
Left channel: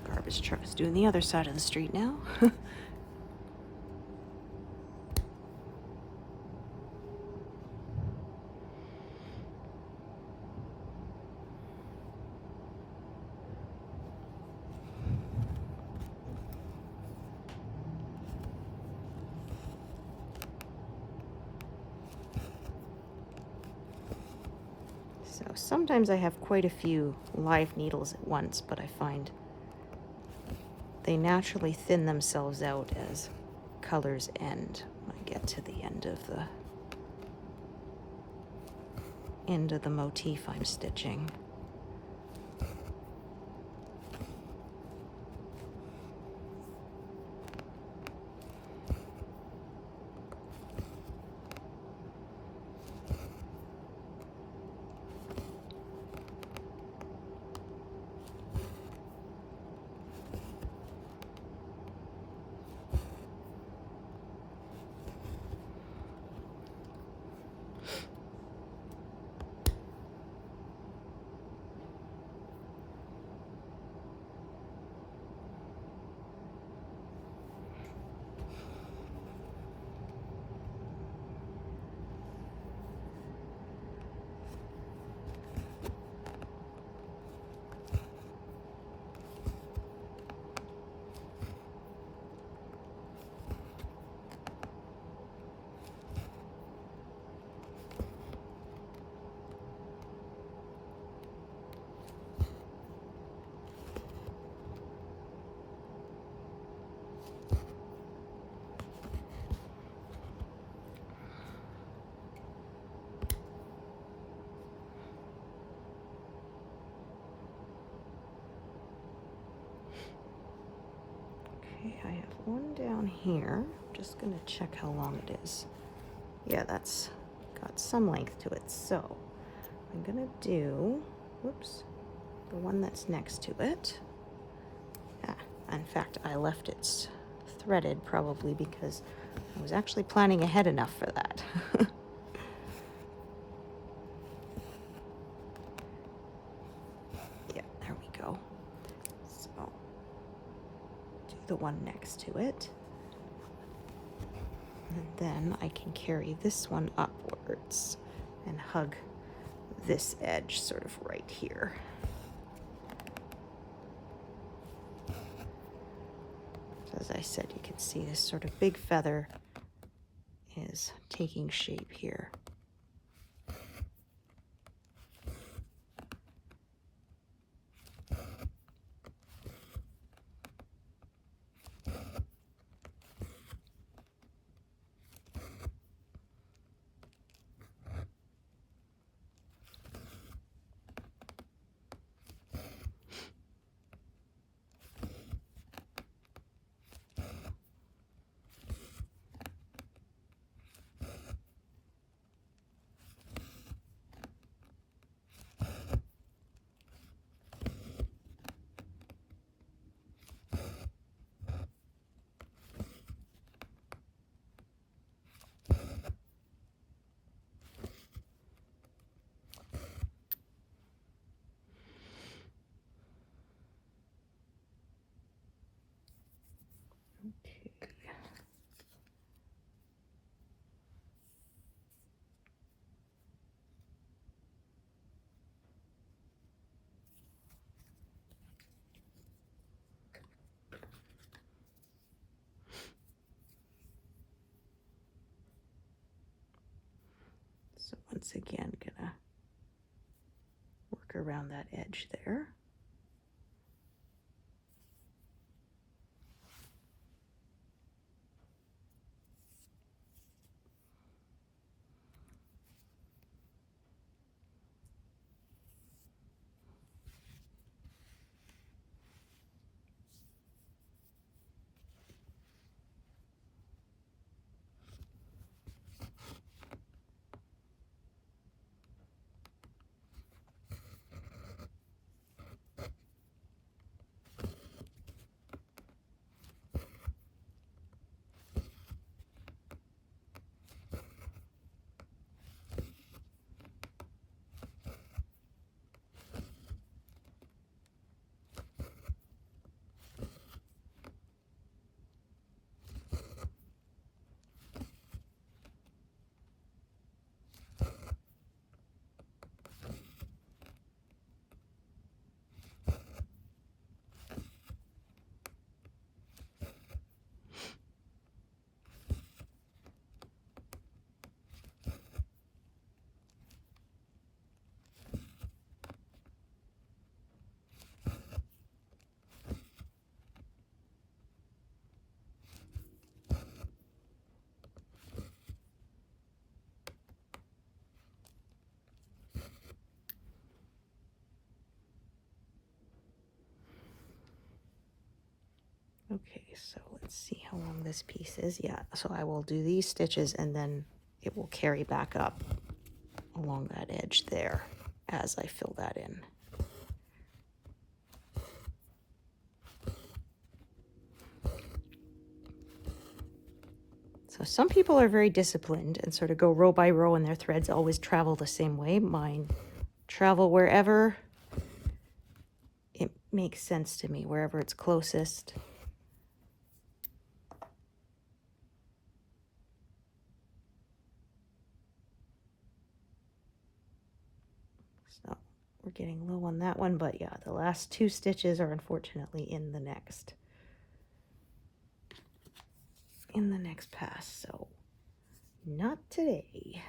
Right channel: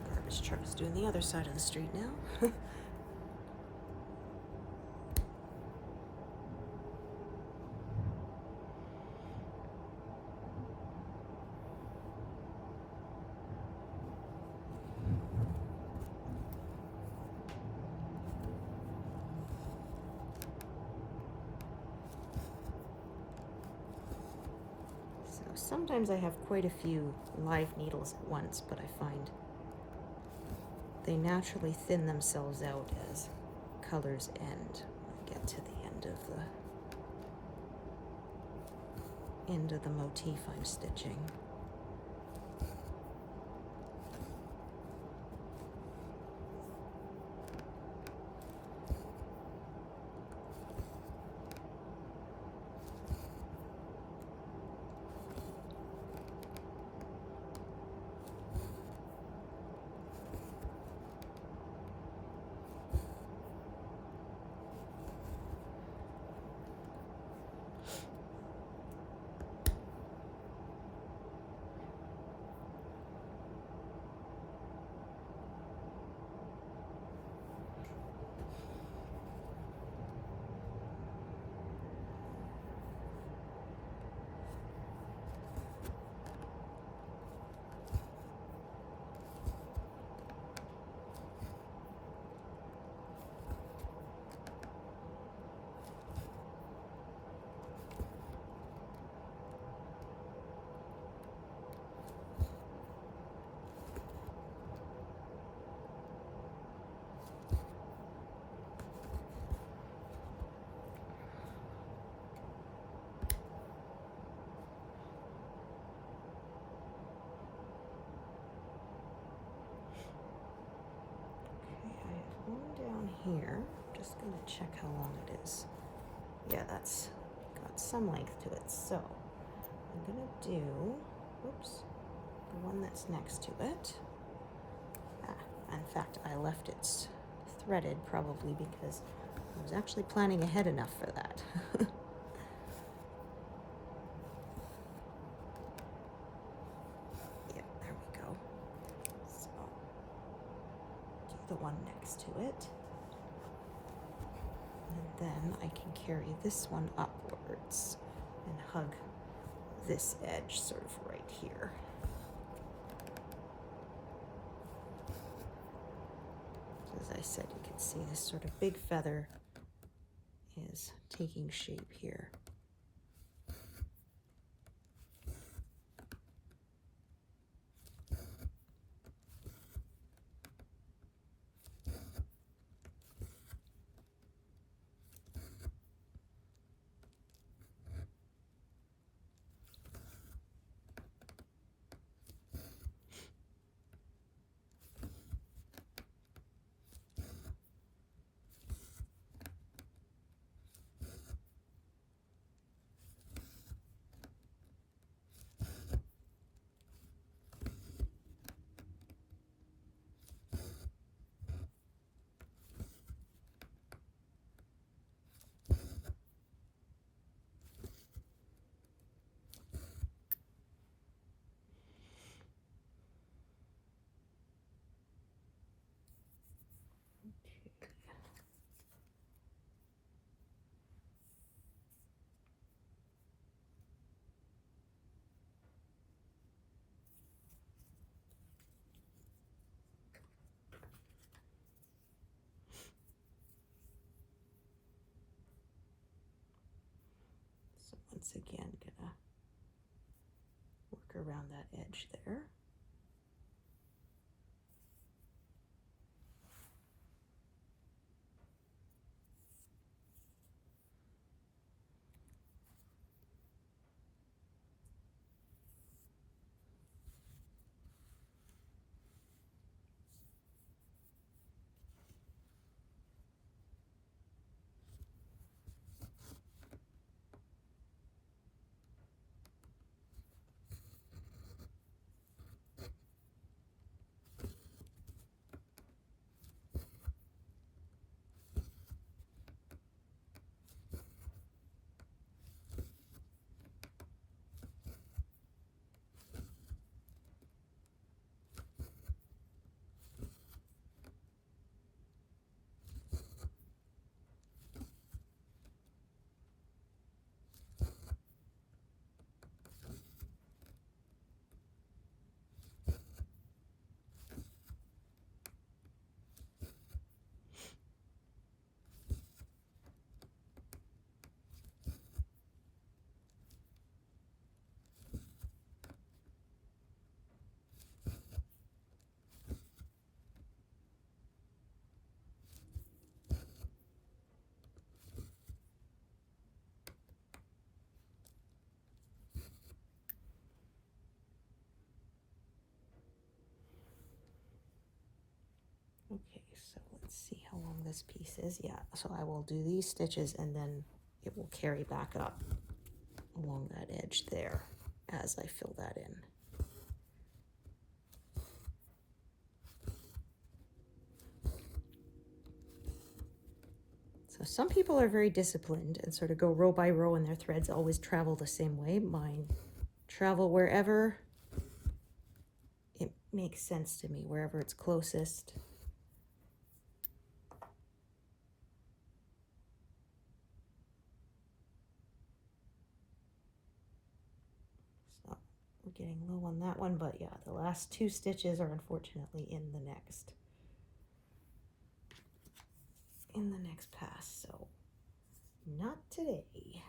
Garbage truck is doing the other side of the street now. So sometimes I have quite a few live needles at once, but I find they naturally thin themselves out as colors end when I get to the end of the motif I'm stitching. I have one down here. Just gonna check how long it is. Yeah, that's got some length to it. So I'm gonna do, whoops, the one that's next to it. In fact, I left it threaded probably because I was actually planning ahead enough for that. Yeah, there we go. So do the one next to it. And then I can carry this one upwards and hug this edge sort of right here. So as I said, you can see this sort of big feather is taking shape here. So once again, gonna work around that edge there. Okay, so let's see how long this piece is. Yeah, so I will do these stitches and then it will carry back up along that edge there as I fill that in. So some people are very disciplined and sort of go row by row and their threads always travel the same way. Mine travel wherever it makes sense to me, wherever it's closest. So we're getting low on that one, but yeah, the last two stitches are unfortunately in the next pass, so not today.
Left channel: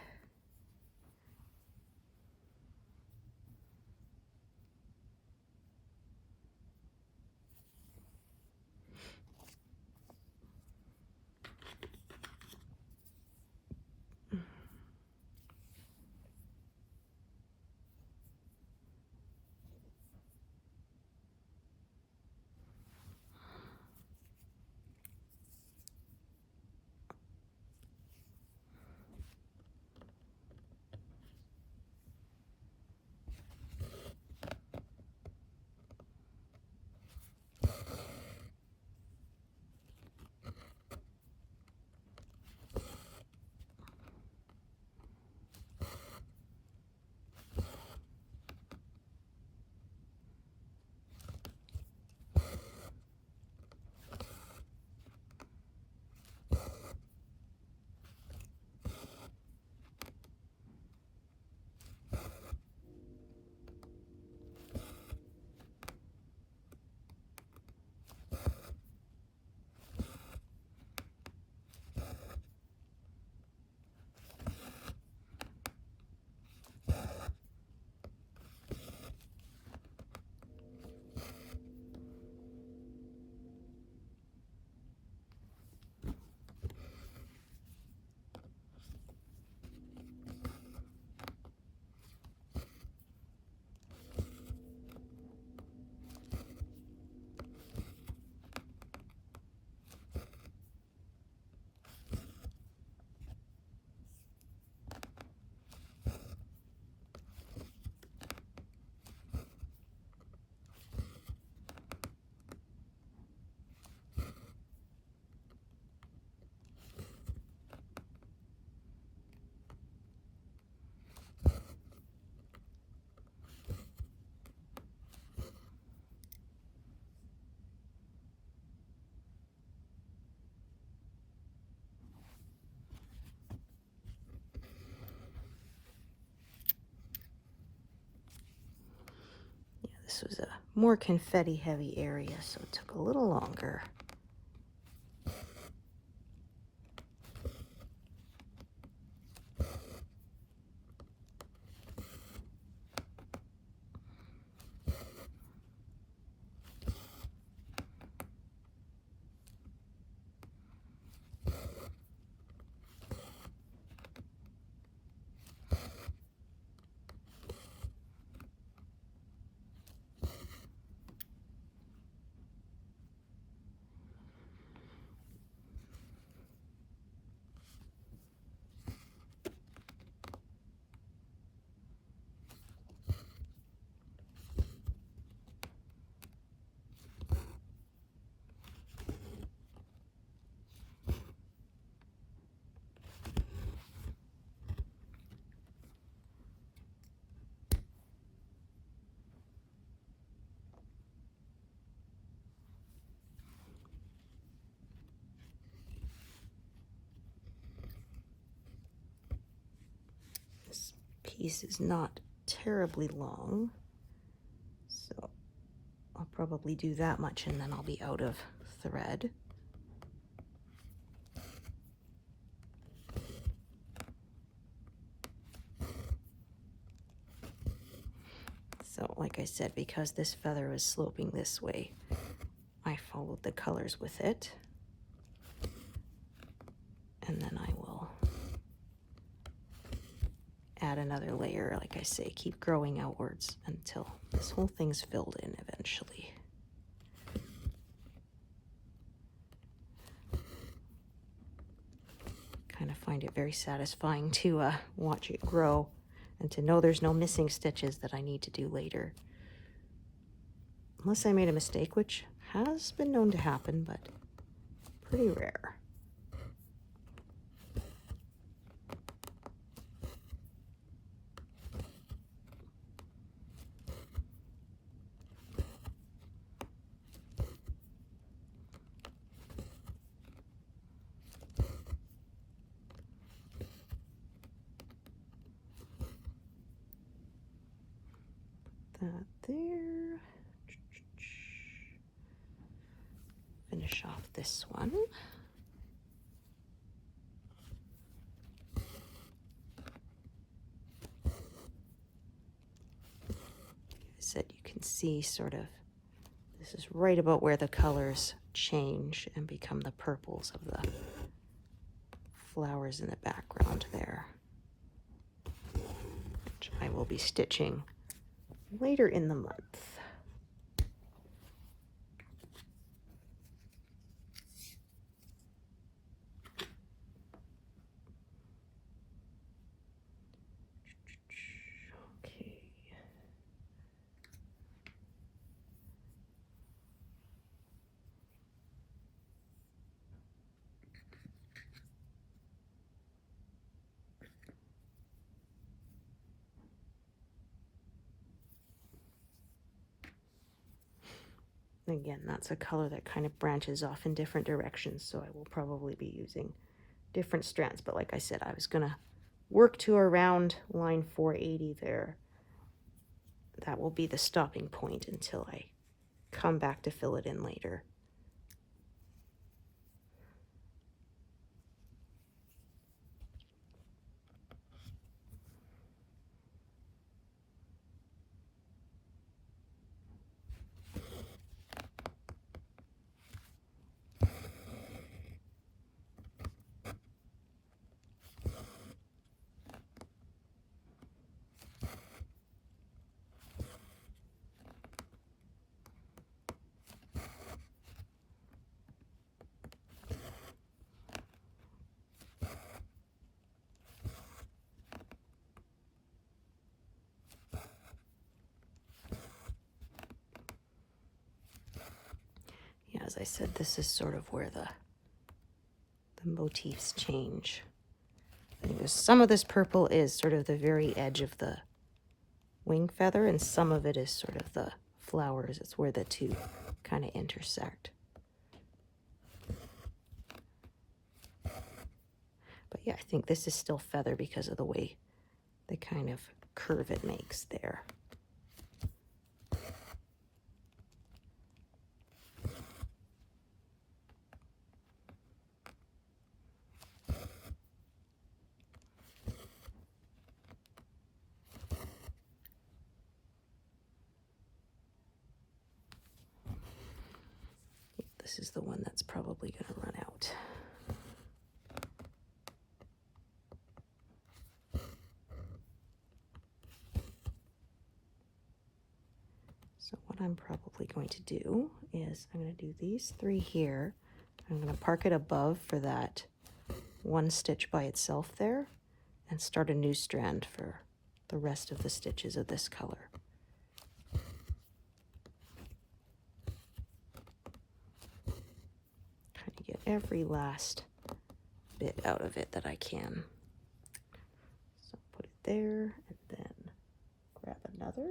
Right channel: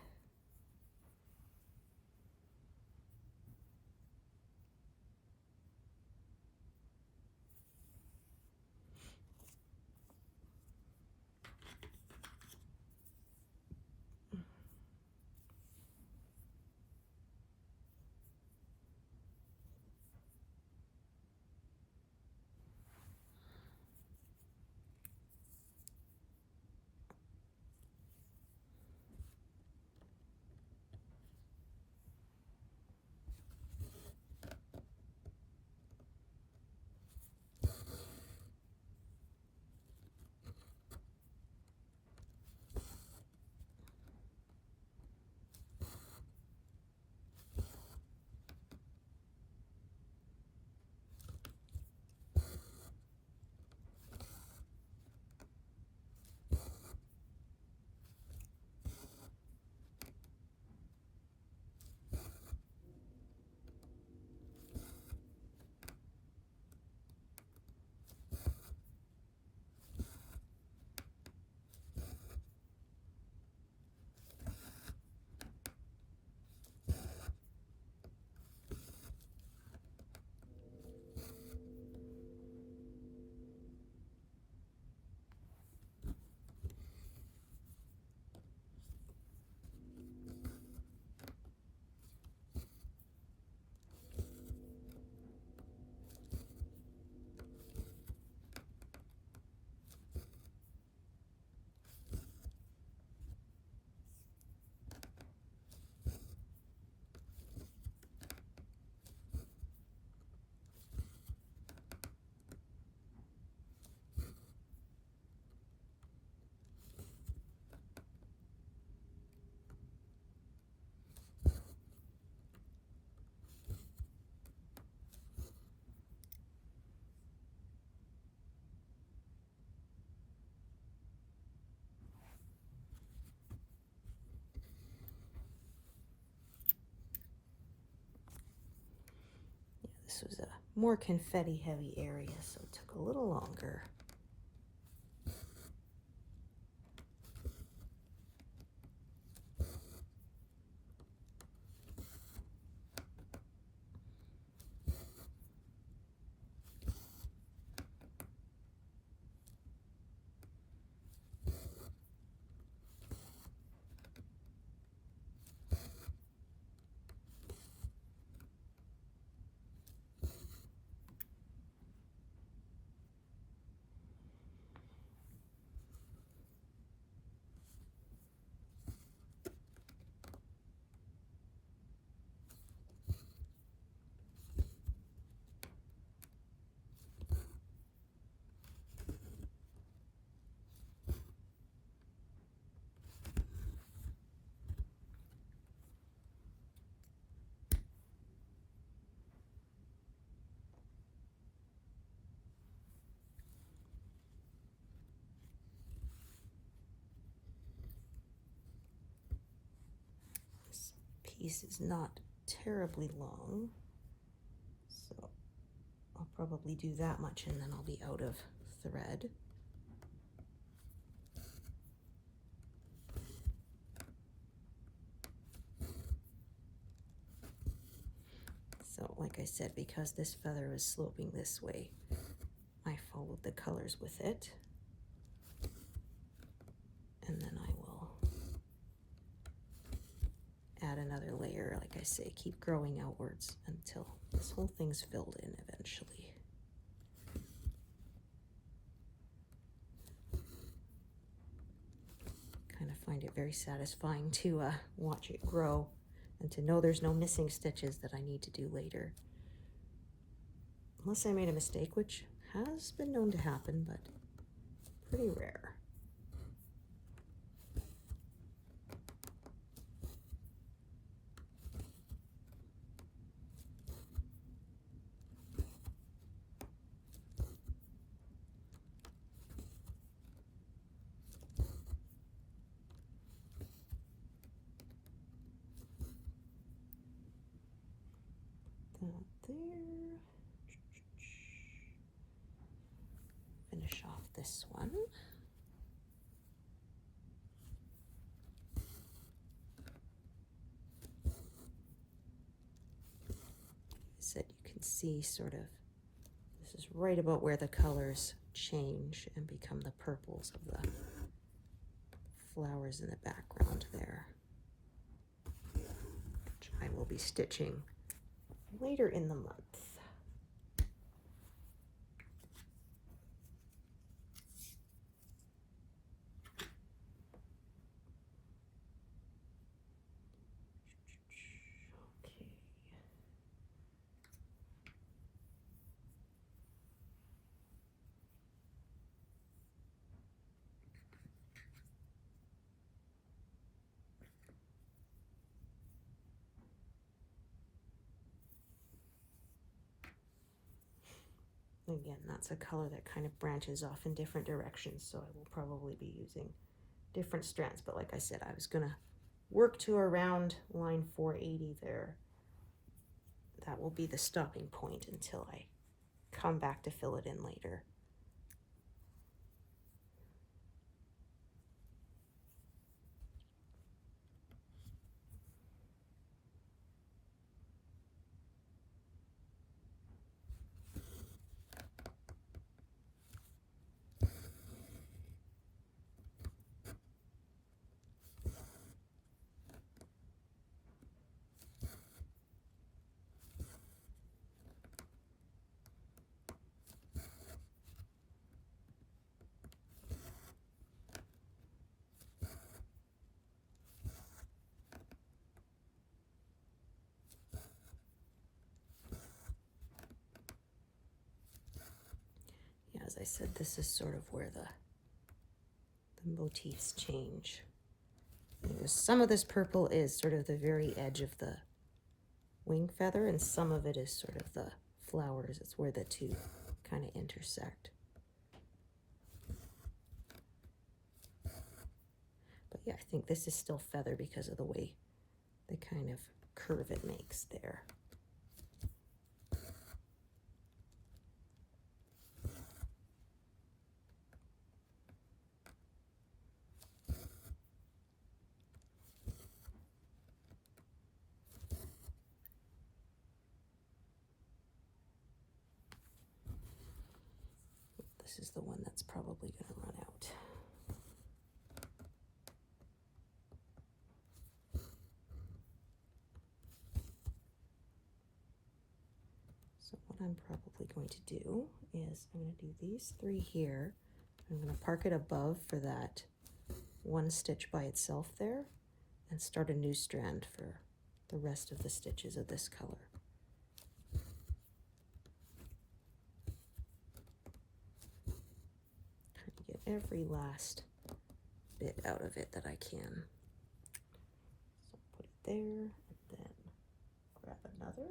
This was a more confetti heavy area, so it took a little longer. piece is not terribly long, so I'll probably do that much and then I'll be out of thread. So like I said, because this feather is sloping this way, I followed the colors with it. And then I will add another layer, like I say, keep growing outwards until this whole thing's filled in eventually. Kind of find it very satisfying to watch it grow and to know there's no missing stitches that I need to do later. Unless I made a mistake, which has been known to happen, but pretty rare. That there. Finish off this one. Like I said, you can see sort of, this is right about where the colors change and become the purples of the flowers in the background there, which I will be stitching later in the month. Okay. Again, that's a color that kind of branches off in different directions, so I will probably be using different strands. But like I said, I was gonna work to around line 480 there. That will be the stopping point until I come back to fill it in later. As I said, this is sort of where the motifs change. I think some of this purple is sort of the very edge of the wing feather, and some of it is sort of the flowers. It's where the two kind of intersect. But yeah, I think this is still feather because of the way the kind of curve it makes there. This is the one that's probably going to run out. So what I'm probably going to do is I'm going to do these three here. I'm going to park it above for that one stitch by itself there and start a new strand for the rest of the stitches of this color. Get every last bit out of it that I can. So put it there and then grab another.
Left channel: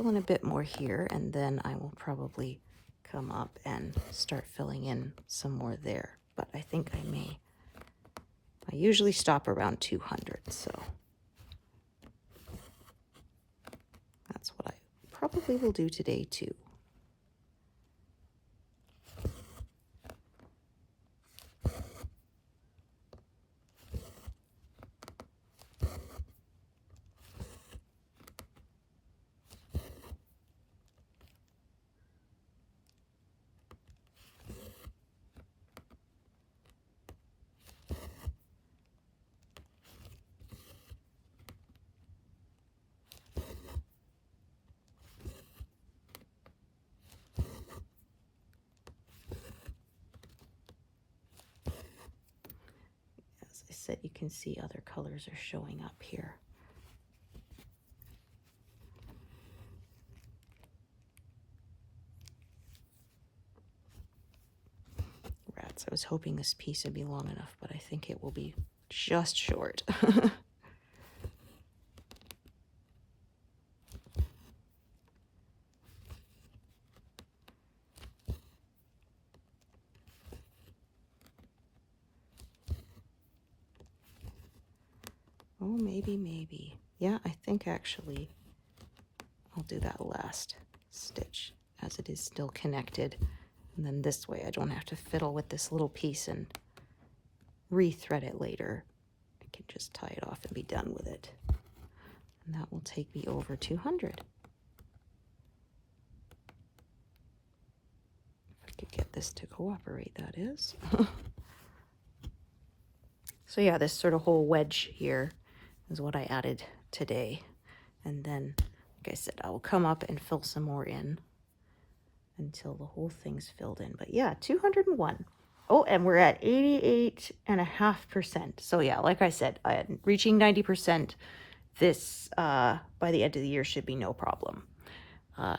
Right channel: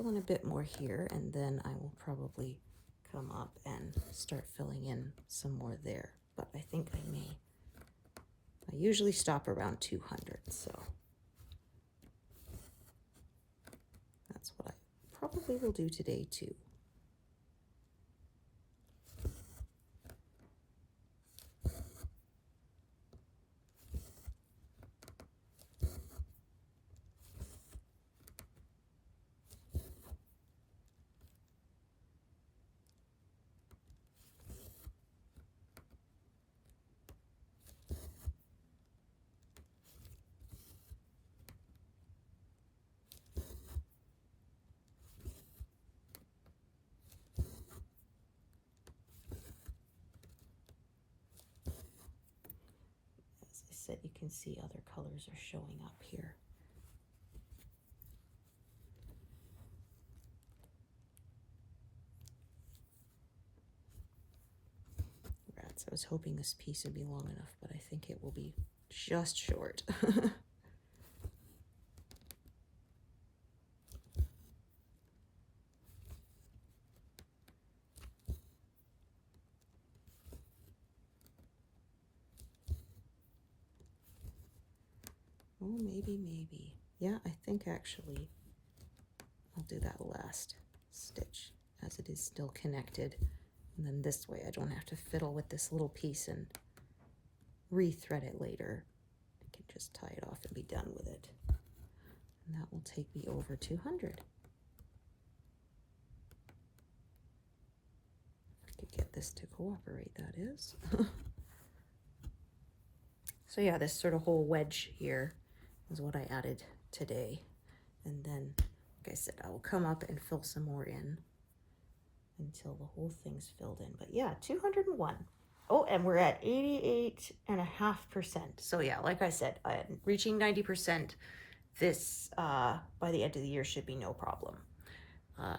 fill in a bit more here, and then I will probably come up and start filling in some more there. But I think I usually stop around 200, so that's what I probably will do today too. As I said, you can see other colors are showing up here. Rats, I was hoping this piece would be long enough, but I think it will be just short. Oh, maybe. Yeah, I think actually I'll do that last stitch as it is still connected. And then this way I don't have to fiddle with this little piece and re-thread it later. I can just tie it off and be done with it. And that will take me over 200. If I could get this to cooperate, that is. So yeah, this sort of whole wedge here is what I added today. And then, like I said, I will come up and fill some more in until the whole thing's filled in. But yeah, 201. Oh, and we're at 88.5%. So yeah, like I said, reaching 90% this by the end of the year should be no problem.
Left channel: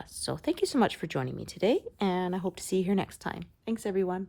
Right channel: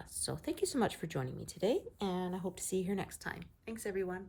So thank you so much for joining me today, and I hope to see you here next time. Thanks, everyone.